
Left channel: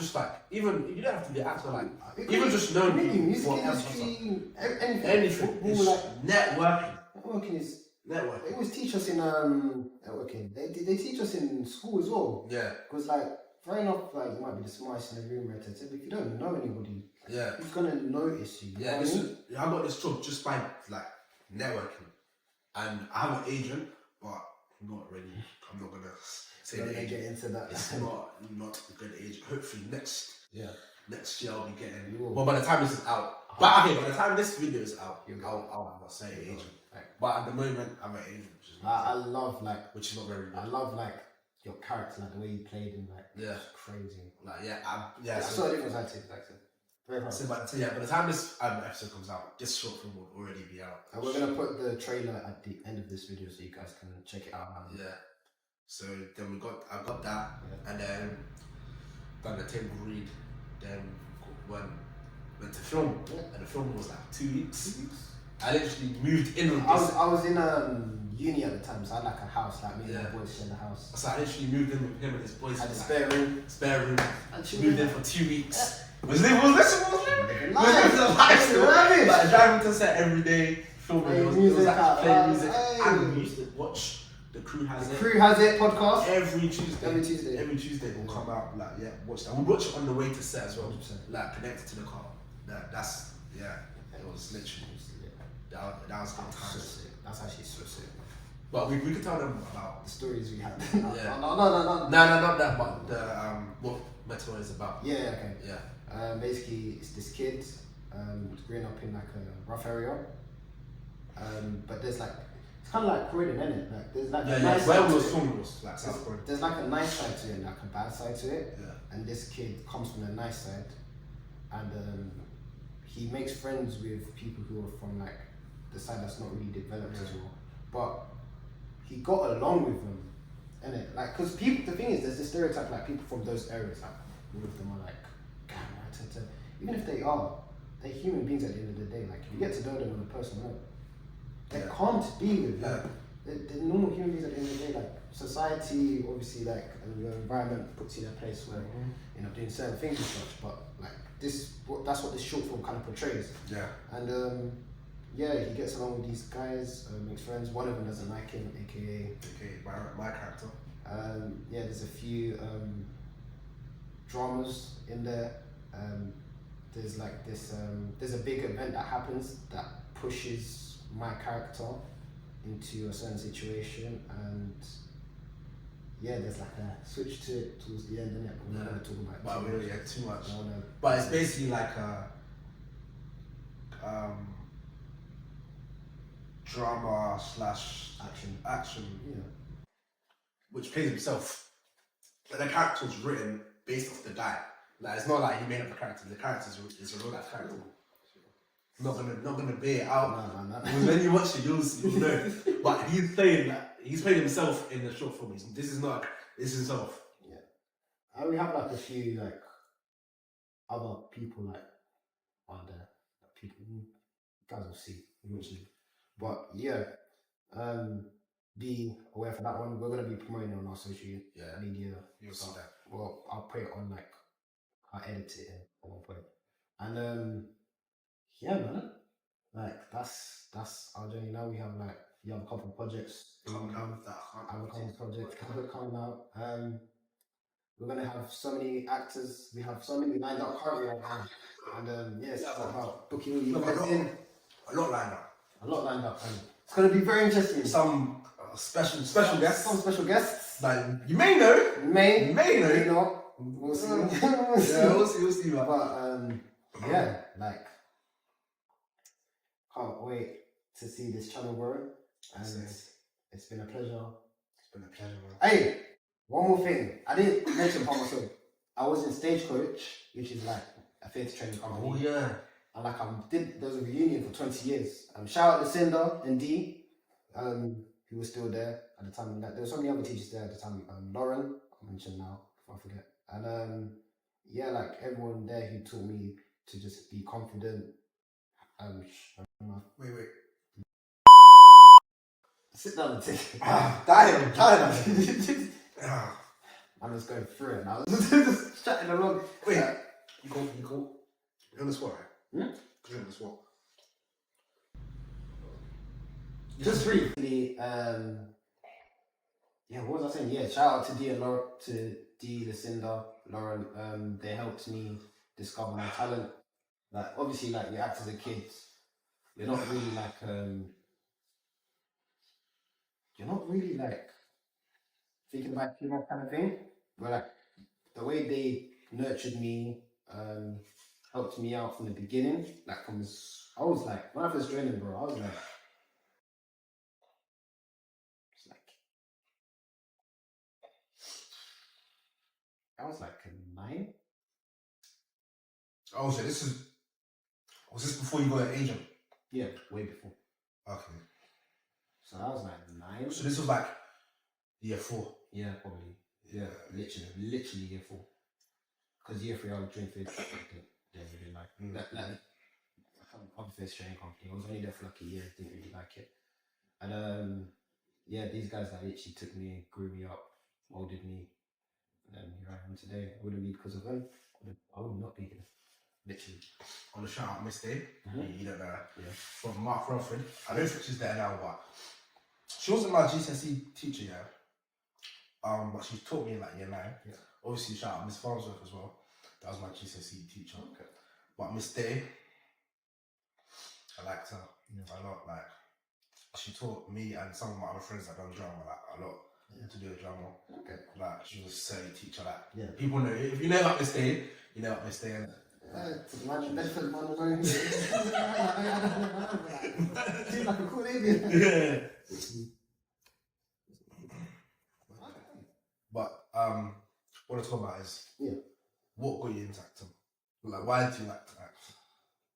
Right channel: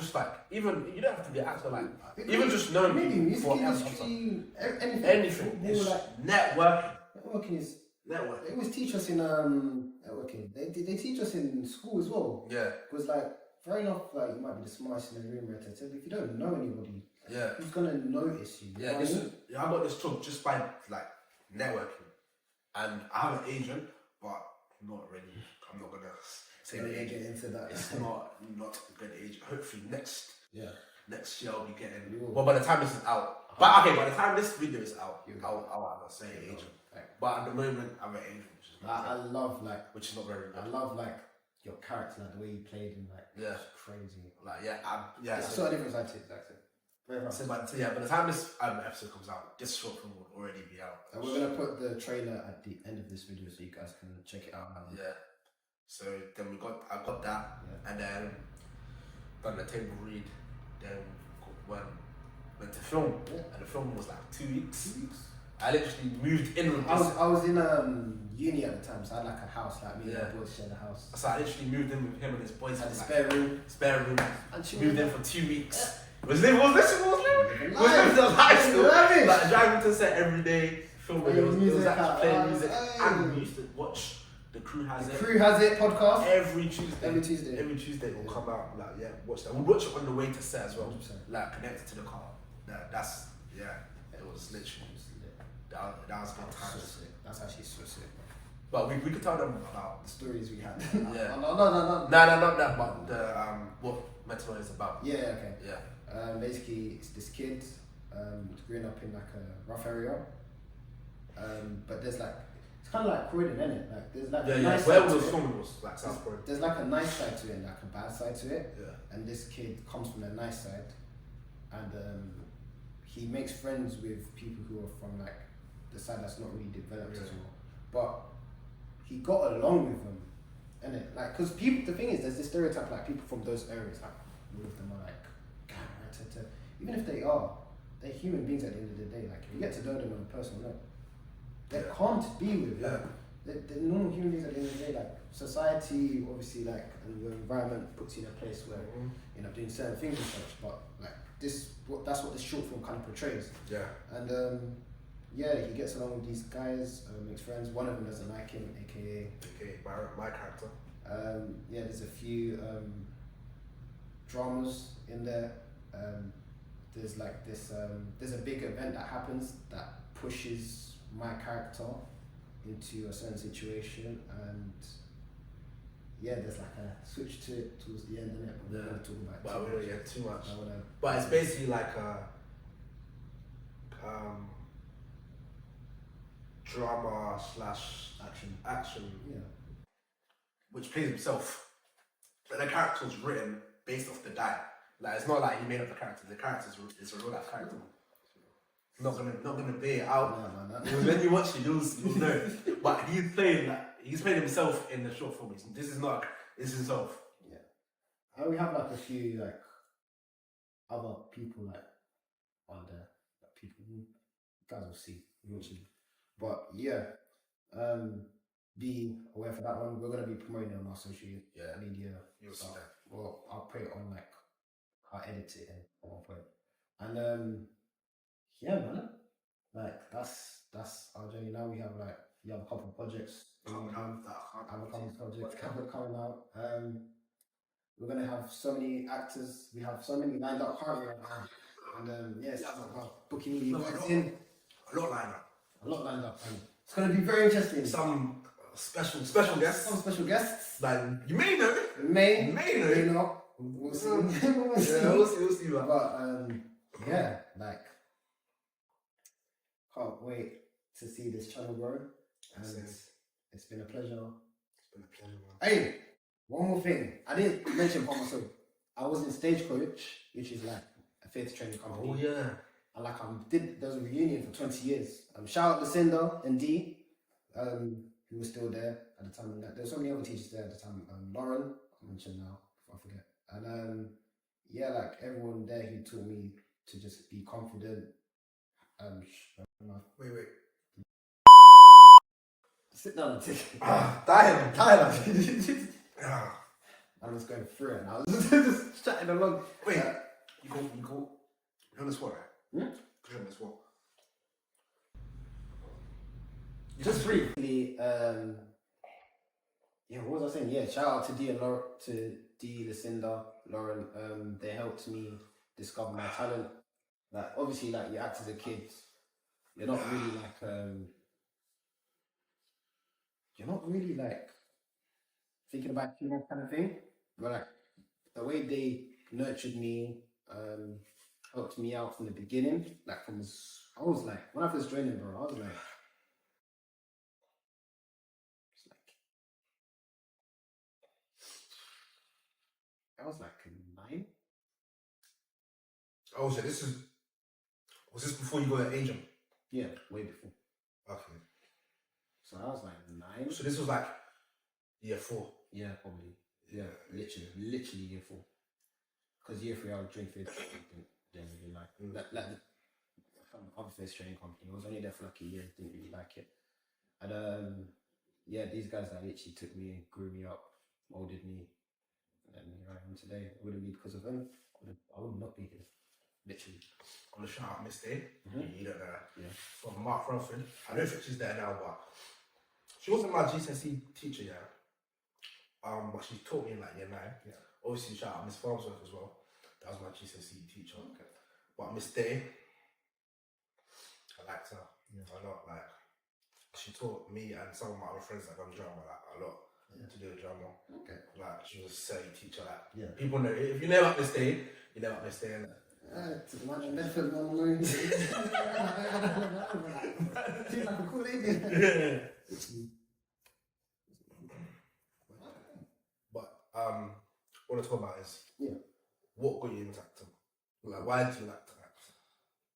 even you don't have to be an actor, like even just knowing music what else industry, anything. It's like networking. Networking is networking. They always teach us in networking. They teach us in school as well. Yeah. Because like fair enough, like you might be the smartest in the room, right? But if you don't know anybody, who's gonna notice you? Yeah. I got this job just by like networking, and I have an agent, but not really. I'm not gonna say the agent. Get into that. It's not a good agent. Hopefully next year I'll be getting. You will. Well, by the time this is out, by the time this video is out, I'll have a say agent. Right. But at the moment, I'm an agent, which is not very good. I love like your character, like the way you played him, like it's crazy. Like That's sort of different side to it, acting. Very hard. So by the time this episode comes out, this short film will already be out. And we're gonna put the trailer at the end of this video so you guys can check it out. Yeah. So then I got that, and then done the table read. Then went to film, and the film was like 2 weeks. I literally moved in with this. I was in uni at the time, so I had like a house, like me and my boys shared a house. So I literally moved in with him and his boys. Had a like, spare room. And she moved in for 2 weeks. Was living the life. Like driving to set every day, filming. Playing music, and we used to watch The Crew Has It. Crew Has It podcast Every Tuesday. Every Tuesday will come out. Like watch that. We'll watch it on the way to set as well. 100%. Like connected to the car. It was literally. That was good times. That's actually so sick. But we could tell them about the stories we had. Yeah. No. Not that, but the what Metal is about. Yeah. Okay. Yeah. Basically, it's this kid growing up in like a rough area. But there's like it's kind of like Croydon, isn't it? Like there's like a nice where side to was it. film was like South Croydon. There's like a nice side to it and like a bad side to it. Yeah. And this kid comes from the nice side, and he makes friends with people who are from like the side that's not really developed as well. But he got along with them, innit? Like, cause people, the thing is, there's this stereotype like people from those areas, like all of them are like, even if they're human beings at the end of the day. Like, if you get to know them on a personal level, they can't be with like they're normal human beings at the end of the day. Like society, obviously, like and your environment puts you in a place where you know doing certain things and such. But like that's what this short film kind of portrays. Yeah. And he gets along with these guys, makes friends. One of them doesn't like him, aka my character. There's a few dramas in there. There's like this. There's a big event that happens that pushes my character into a certain situation, and there's like a switch to it towards the end, innit? But we're not going to talk about it. But we don't get too much. But it's basically like a drama / action, which plays himself. But the character was written based off the guy. Like it's not like he made up the character. The character is a real life character. Not gonna be it out. No. Because when you watch it, you'll know. But he's playing that. He's played himself in the short film. This is himself. Yeah. And we have like a few like other people like on there. That people you guys will see eventually. But be aware for that one. We're gonna be promoting it on our social media. You'll see that. Well, I'll put it on like I'll edit it in at one point. And yeah, man. Like that's our journey now. We have a couple of projects coming out. We're gonna have so many actors. We have so many lined up currently right now. And yes, it's about booking you guys in. A lot lined up. And it's gonna be very interesting. Some special guests. Some special guests. Like you may know. May know. not. We'll see. We'll see. Man. But yeah, like can't wait to see this channel grow. And it's been a pleasure. Man. Hey, one more thing. I didn't mention about myself. I was in Stagecoach, which is like a theatre training company. Oh yeah. And like there was a reunion for 20 years. Shout out to Cinder and D, who was still there at the time. Like, there were so many other teachers there at the time. Lauren, I mentioned now, if I forget. And yeah, like everyone there who taught me to just be confident. Wait. Sit down and take it. Tired. I was going through it and I was just chatting along. Wait, you cool? You're on the spot, right? You're on the spot. Just briefly, what was I saying? Yeah, shout out to D and Laura, to D, Lucinda, Lauren. They helped me discover my talent. Like obviously, like you act as a kid, you're not really like thinking about too much kind of thing. But like the way they nurtured me, helped me out from the beginning. Like I was like when I first joined them, bro, I was like. I was like 9. Oh, so was this before you got an agent? Yeah, way before. Okay. So I was like 9. So this was like year 4. Yeah, probably. Yeah, literally year 4. Because year 3 I was doing theatre. Didn't really like other theatre training company. I was only there for like a year. Didn't really like it. And yeah, these guys that literally took me, grew me up, molded me. And here I am today. It wouldn't be because of them. I would not be here. Literally. On the shout out Miss Day. You don't know her. Yeah. From Mark Rumford. I don't think she's there now, but she wasn't my GCSE teacher, yeah. But she taught me in like year 9. Yeah. Obviously shout out Miss Farnsworth as well. That was my GCSE teacher. Okay. But Miss Day, I liked her a lot. Like she taught me and some of my other friends that done drama like a lot. To do a drama. Okay. Like she was a silly teacher. Like people know if you know about Miss Day, you know about Miss Day, innit? To imagine Bedford one alone. She's like a cool lady. Yeah. But what I'm talking about is what got you into acting? Like why do you like to act?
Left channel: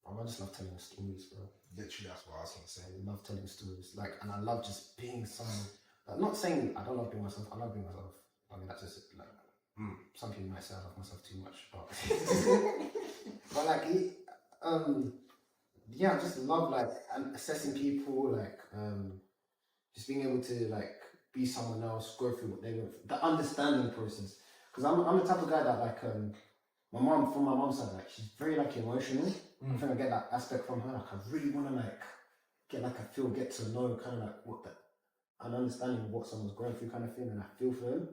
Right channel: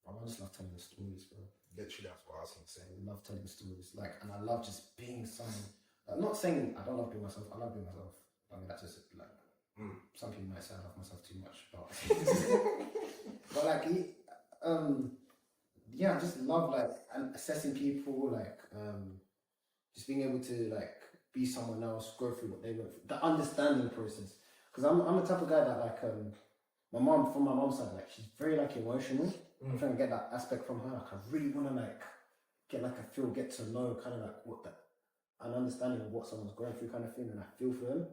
I just love telling stories, bro. Literally, that's what I was gonna say. I love telling stories. Like, and I love just being someone. I'm not saying I don't love being myself. I love being myself. I mean, that's just like some people might say I love myself too much, but like, I just love like assessing people, like just being able to like be someone else, go through what they went through, the understanding process. Because I'm the type of guy that like my mom, from my mom's side, like she's very like emotional. I'm trying to get that aspect from her. Like I really want to like get to know kind of like what that. An understanding of what someone's going through kind of thing, and I feel for them.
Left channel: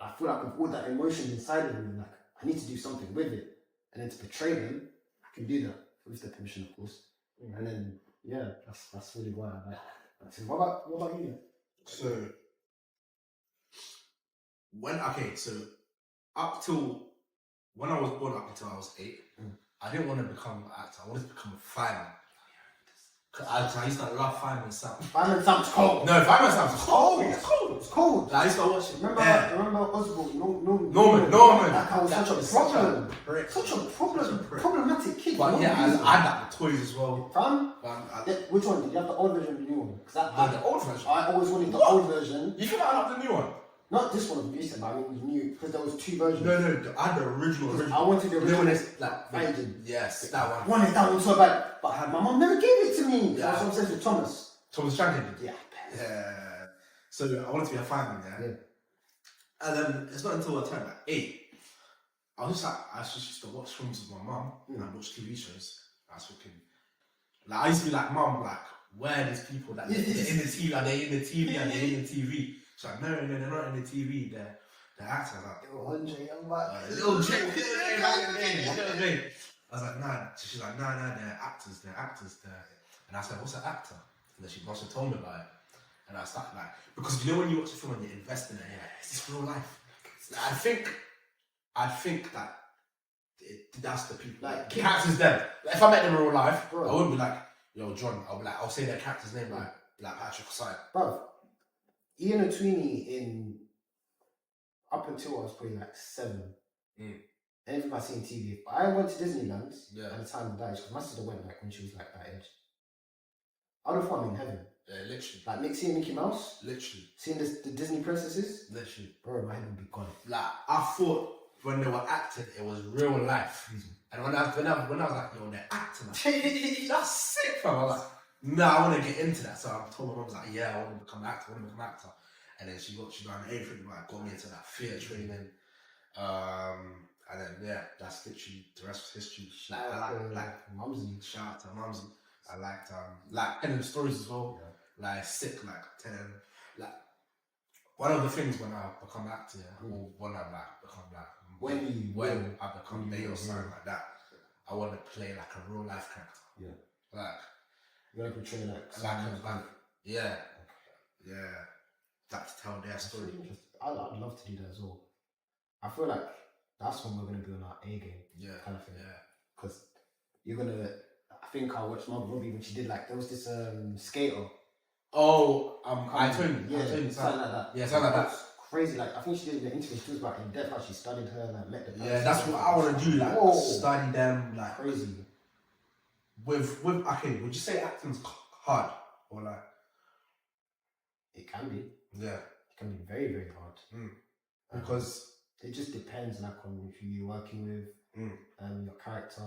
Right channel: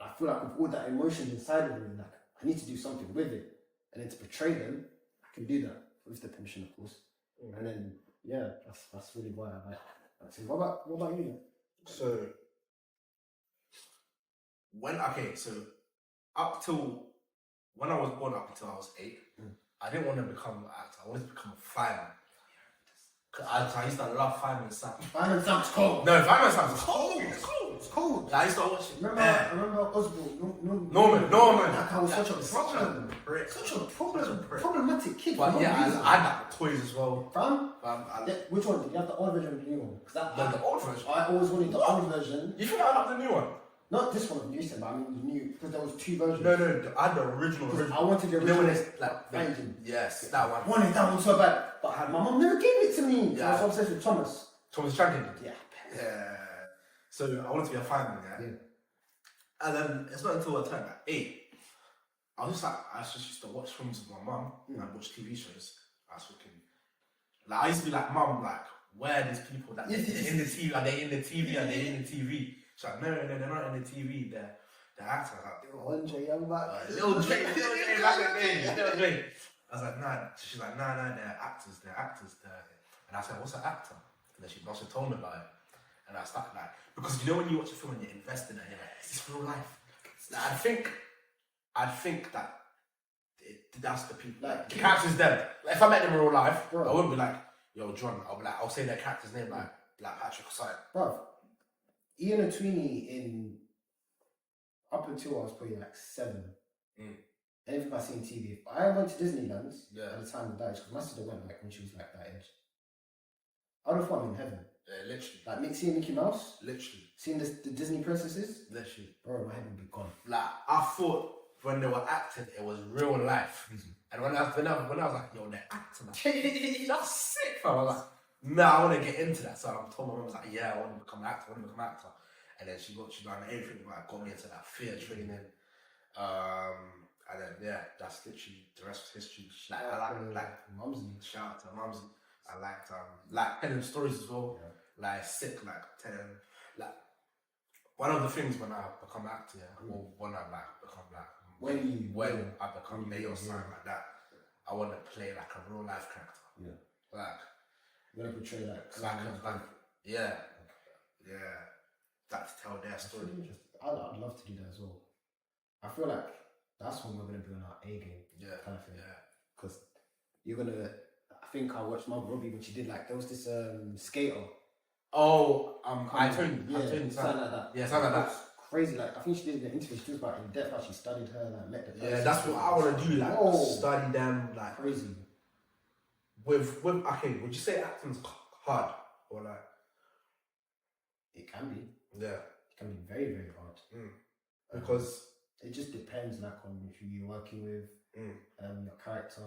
I feel like with all that emotion inside of me, like I need to do something with it, and then to portray them, I can do that with the permission, of course. And then that's really why I like. What about you? So up till when I was born, up until I was 8, I didn't want to become an actor. I wanted to become a fireman. Cause I used to love Fireman Sam. Fireman Sam's cold. No, Fireman Sam's cold. It's cold. Like, I used to watch it. Remember Oswald? Norman. That guy was such a problem. Such a problematic kid. But yeah, I had the toys as well. Which one? Did you have the old version or the new one? The old version. I always wanted the old version. You think I have the new one? Not this one, recent, but I mean the new, because there was 2 versions. No, I had the original. I wanted the original, engine. Yes, that one. Wanted that one so bad, but my mom never gave it to me. I was obsessed with Thomas Shankin. Yeah. So I wanted to be a fireman, yeah. And then it's not until I turned like 8. I was just used to watch films with my mum and watch TV shows. I was thinking, like, I used to be like, Mum, like, where are these people that in the TV, like, they're in the TV and they're in the TV. She's like, no, they're not in the TV, they're acting. I was like, Little Andre Young back. Little Jay back in the day, Little Jay. I was like, nah. So she's like, nah, they're actors. And I was like, what's an actor? And then she told me about it. And I started like, because you know when you watch a film and you invest in it, you're like, is this real life? Like, I think that that's the people. Like, the character's dead. Like, if I met them in real life, bro, I wouldn't be like, yo, John. I'll say their character's name like Patrick Osai. Bro, Ian O'Tweeney in up until I was probably like 7. Anything I seen TV. I went to Disneyland at the time of that age because my sister went like when she was like that age. I would have thought I'm in heaven. Yeah, literally. Like seeing Mickey Mouse. Literally. Seeing the Disney princesses. Literally. Bro, my head would be gone. Like, I thought when they were acting, it was real life. And when I was like, yo, they're acting. That's sick, fam. I was like, nah, I want to get into that. So I told my mum, I was like, yeah, I want to become an actor. And then she got everything, like, got me into that theatre training. And then, yeah, that's literally the rest was history. I like Mumsy. Shout out to Mumsy. I liked telling stories as well. Yeah. Like sick, like telling like one of the things when I become an actor, or when I become when I become mayor or something like that, I want to play like a real life character. Yeah. Like you want to portray like yeah. Like to tell their story. I'd love to do that as well. I feel like that's when we're gonna be on our A game. Yeah. Kind of thing. Yeah. Because you're gonna. I think I watched Margot Robbie when she did like there was this skater. Oh, Anthony. Something like that. Yeah, something like that. Crazy. Like I think she did an interview. She was about in depth. How she studied her, like met the person. Yeah, that's what I want to do. Like study them, like crazy. With okay, would you say acting's hard or like? It can be. Yeah, it can be very very hard. Because it just depends like on who you're working with, your character.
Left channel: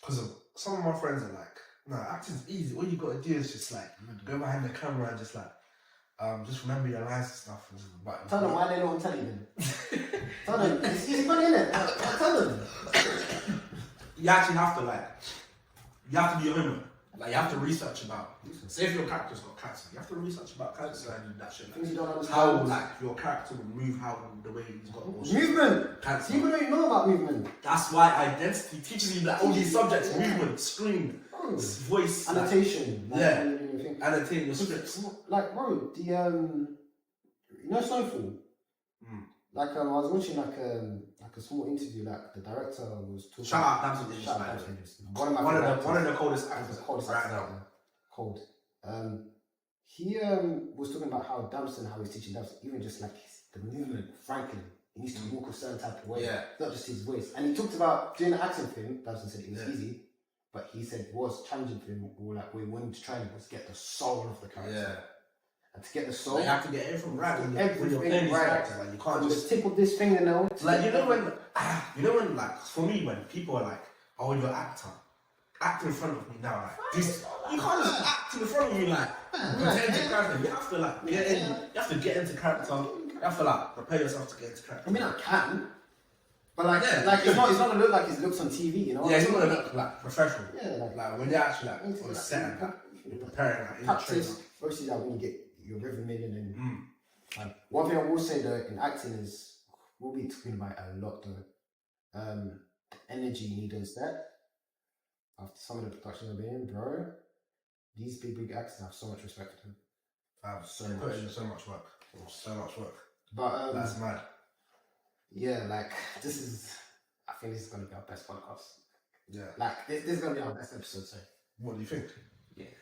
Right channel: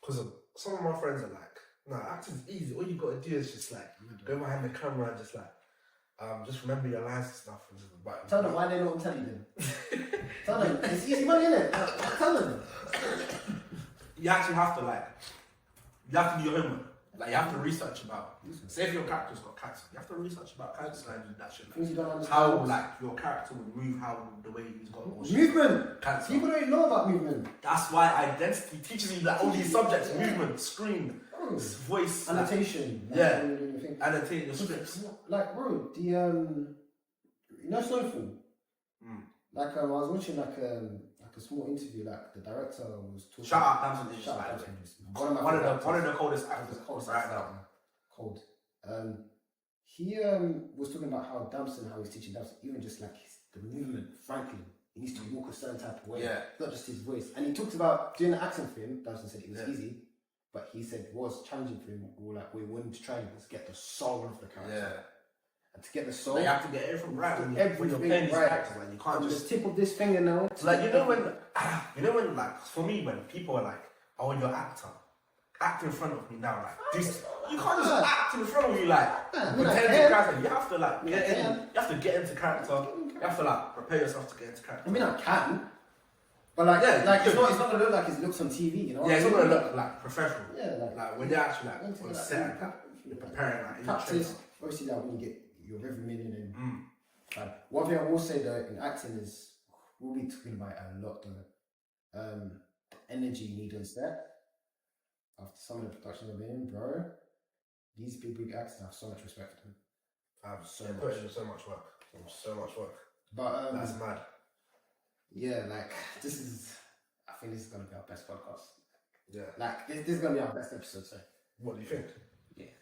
Because some of my friends are like, no, acting's easy. All you gotta do is just like go behind the camera and just like, just remember your lines and stuff. But tell them why they know what I'm telling them. Tell them it's easy money, innit? Tell them. You actually have to you have to do your homework. Like you have to research about. Say if your character's got cancer, you have to research about cancer and that shit. Things you don't understand. How like your character would move, how the way he's got movement. Cancer. People don't even know about movement. That's why identity teaches you like all these subjects: movement, screen, voice, annotation. Annotating the scripts. Like bro, the you know Snowfall. Like I was watching like a small interview. Like the director was talking. Shout out Damson. Shout out Damson. One of the coldest actors. Right now. Cold. He was talking about how Damson, how he's teaching Damson, even just like the movement, Franklin. He needs to walk a certain type of way. Yeah. Not just his voice. And he talked about doing an acting film. Damson said it was easy, but he said it was challenging for him. Or like we wanted to try and get the soul of the character. Yeah. And to get the soul, you have to get everything right. Everything right. Like you can't just the tip of this fingernail. Like you know when like for me when people are like, oh you're an actor. Act in front of me now, like this. You can't just act in front of me like pretend to character. You have to like get in. You have to get into character. You have to like prepare yourself to get into character. I mean, I can, but like it's not gonna look like it looks on TV, you know? Yeah, it's not gonna look like professional. Yeah, like when you're actually like on set, you're preparing like practice. Obviously, like when you get your rhythm in and one thing I will say though in acting is we'll be talking about it a lot though. The energy you need on set. After some of the production I've been in, bro, these big actors have so much respect for them. I have so much work. But that's mad. Yeah, like I think this is gonna be our best podcast. Yeah. Like this is gonna be our best episode, so. What do you think? Yeah.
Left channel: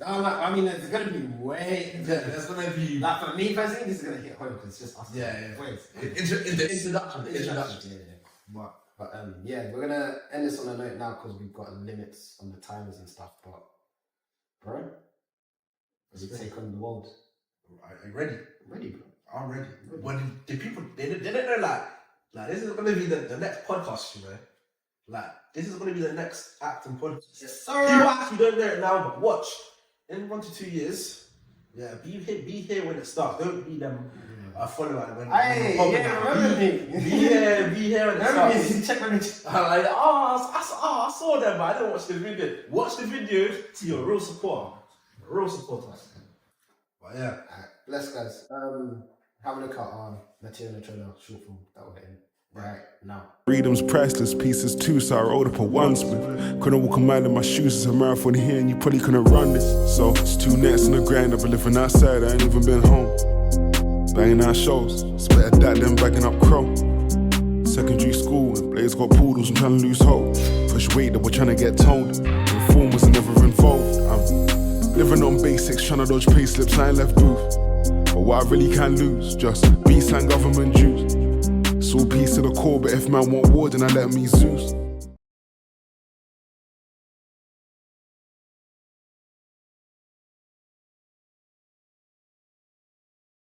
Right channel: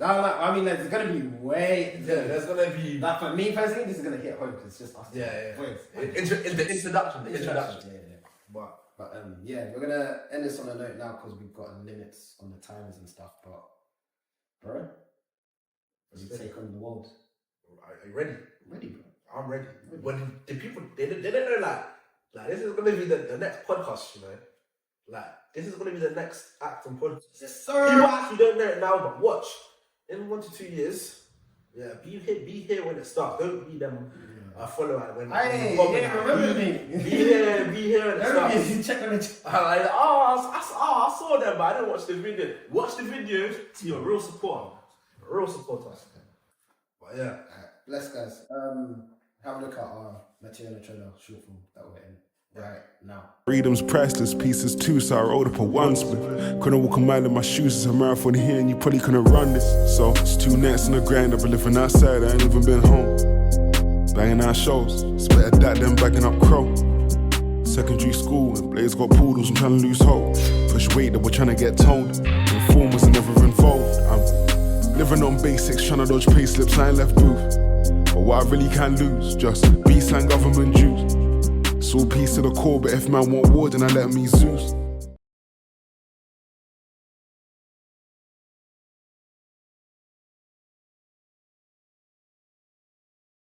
No, I mean there's gonna be way there's gonna be like for me personally this is gonna hit home because it's just us. Yeah. The introduction. Yeah. But yeah, we're gonna end this on a note now because we've got limits on the timers and stuff. But bro, as you take on the world, are you ready? Ready, bro. I'm ready. Well, the people they didn't know like this is gonna be the next podcast, you know. Like this is gonna be the next acting podcast. Yes, sir. People actually don't know it now, but watch in 1 to 2 years, Yeah, be here when it starts. Don't be them follower and when. Hey, remember me. Be here when it Remember starts. me. Check when it's. I'm like, I saw them, but I didn't watch the video. Watch the videos to your real supporter. Real supporters. But yeah. Bless guys. Have a look at our material trailer short film that we're in right now. Freedom's priceless, pieces too, so I rolled up a one split. Couldn't walk a mile in my shoes, it's a marathon here and you probably couldn't run this. So it's 2 nights on the grind, I've been living outside, I ain't even been home. Banging out shows, it's better that than bagging up crow. Secondary school, and Blaze got poodles, I'm trying to lose hope. Push weight that we're trying to get toned. Informers are never involved. I'm living on basics, trying to dodge pay slips, I ain't left booth. But what I really can lose, just B-sign government dues. It's all peace to the core, but if man want war, then I let me Zeus.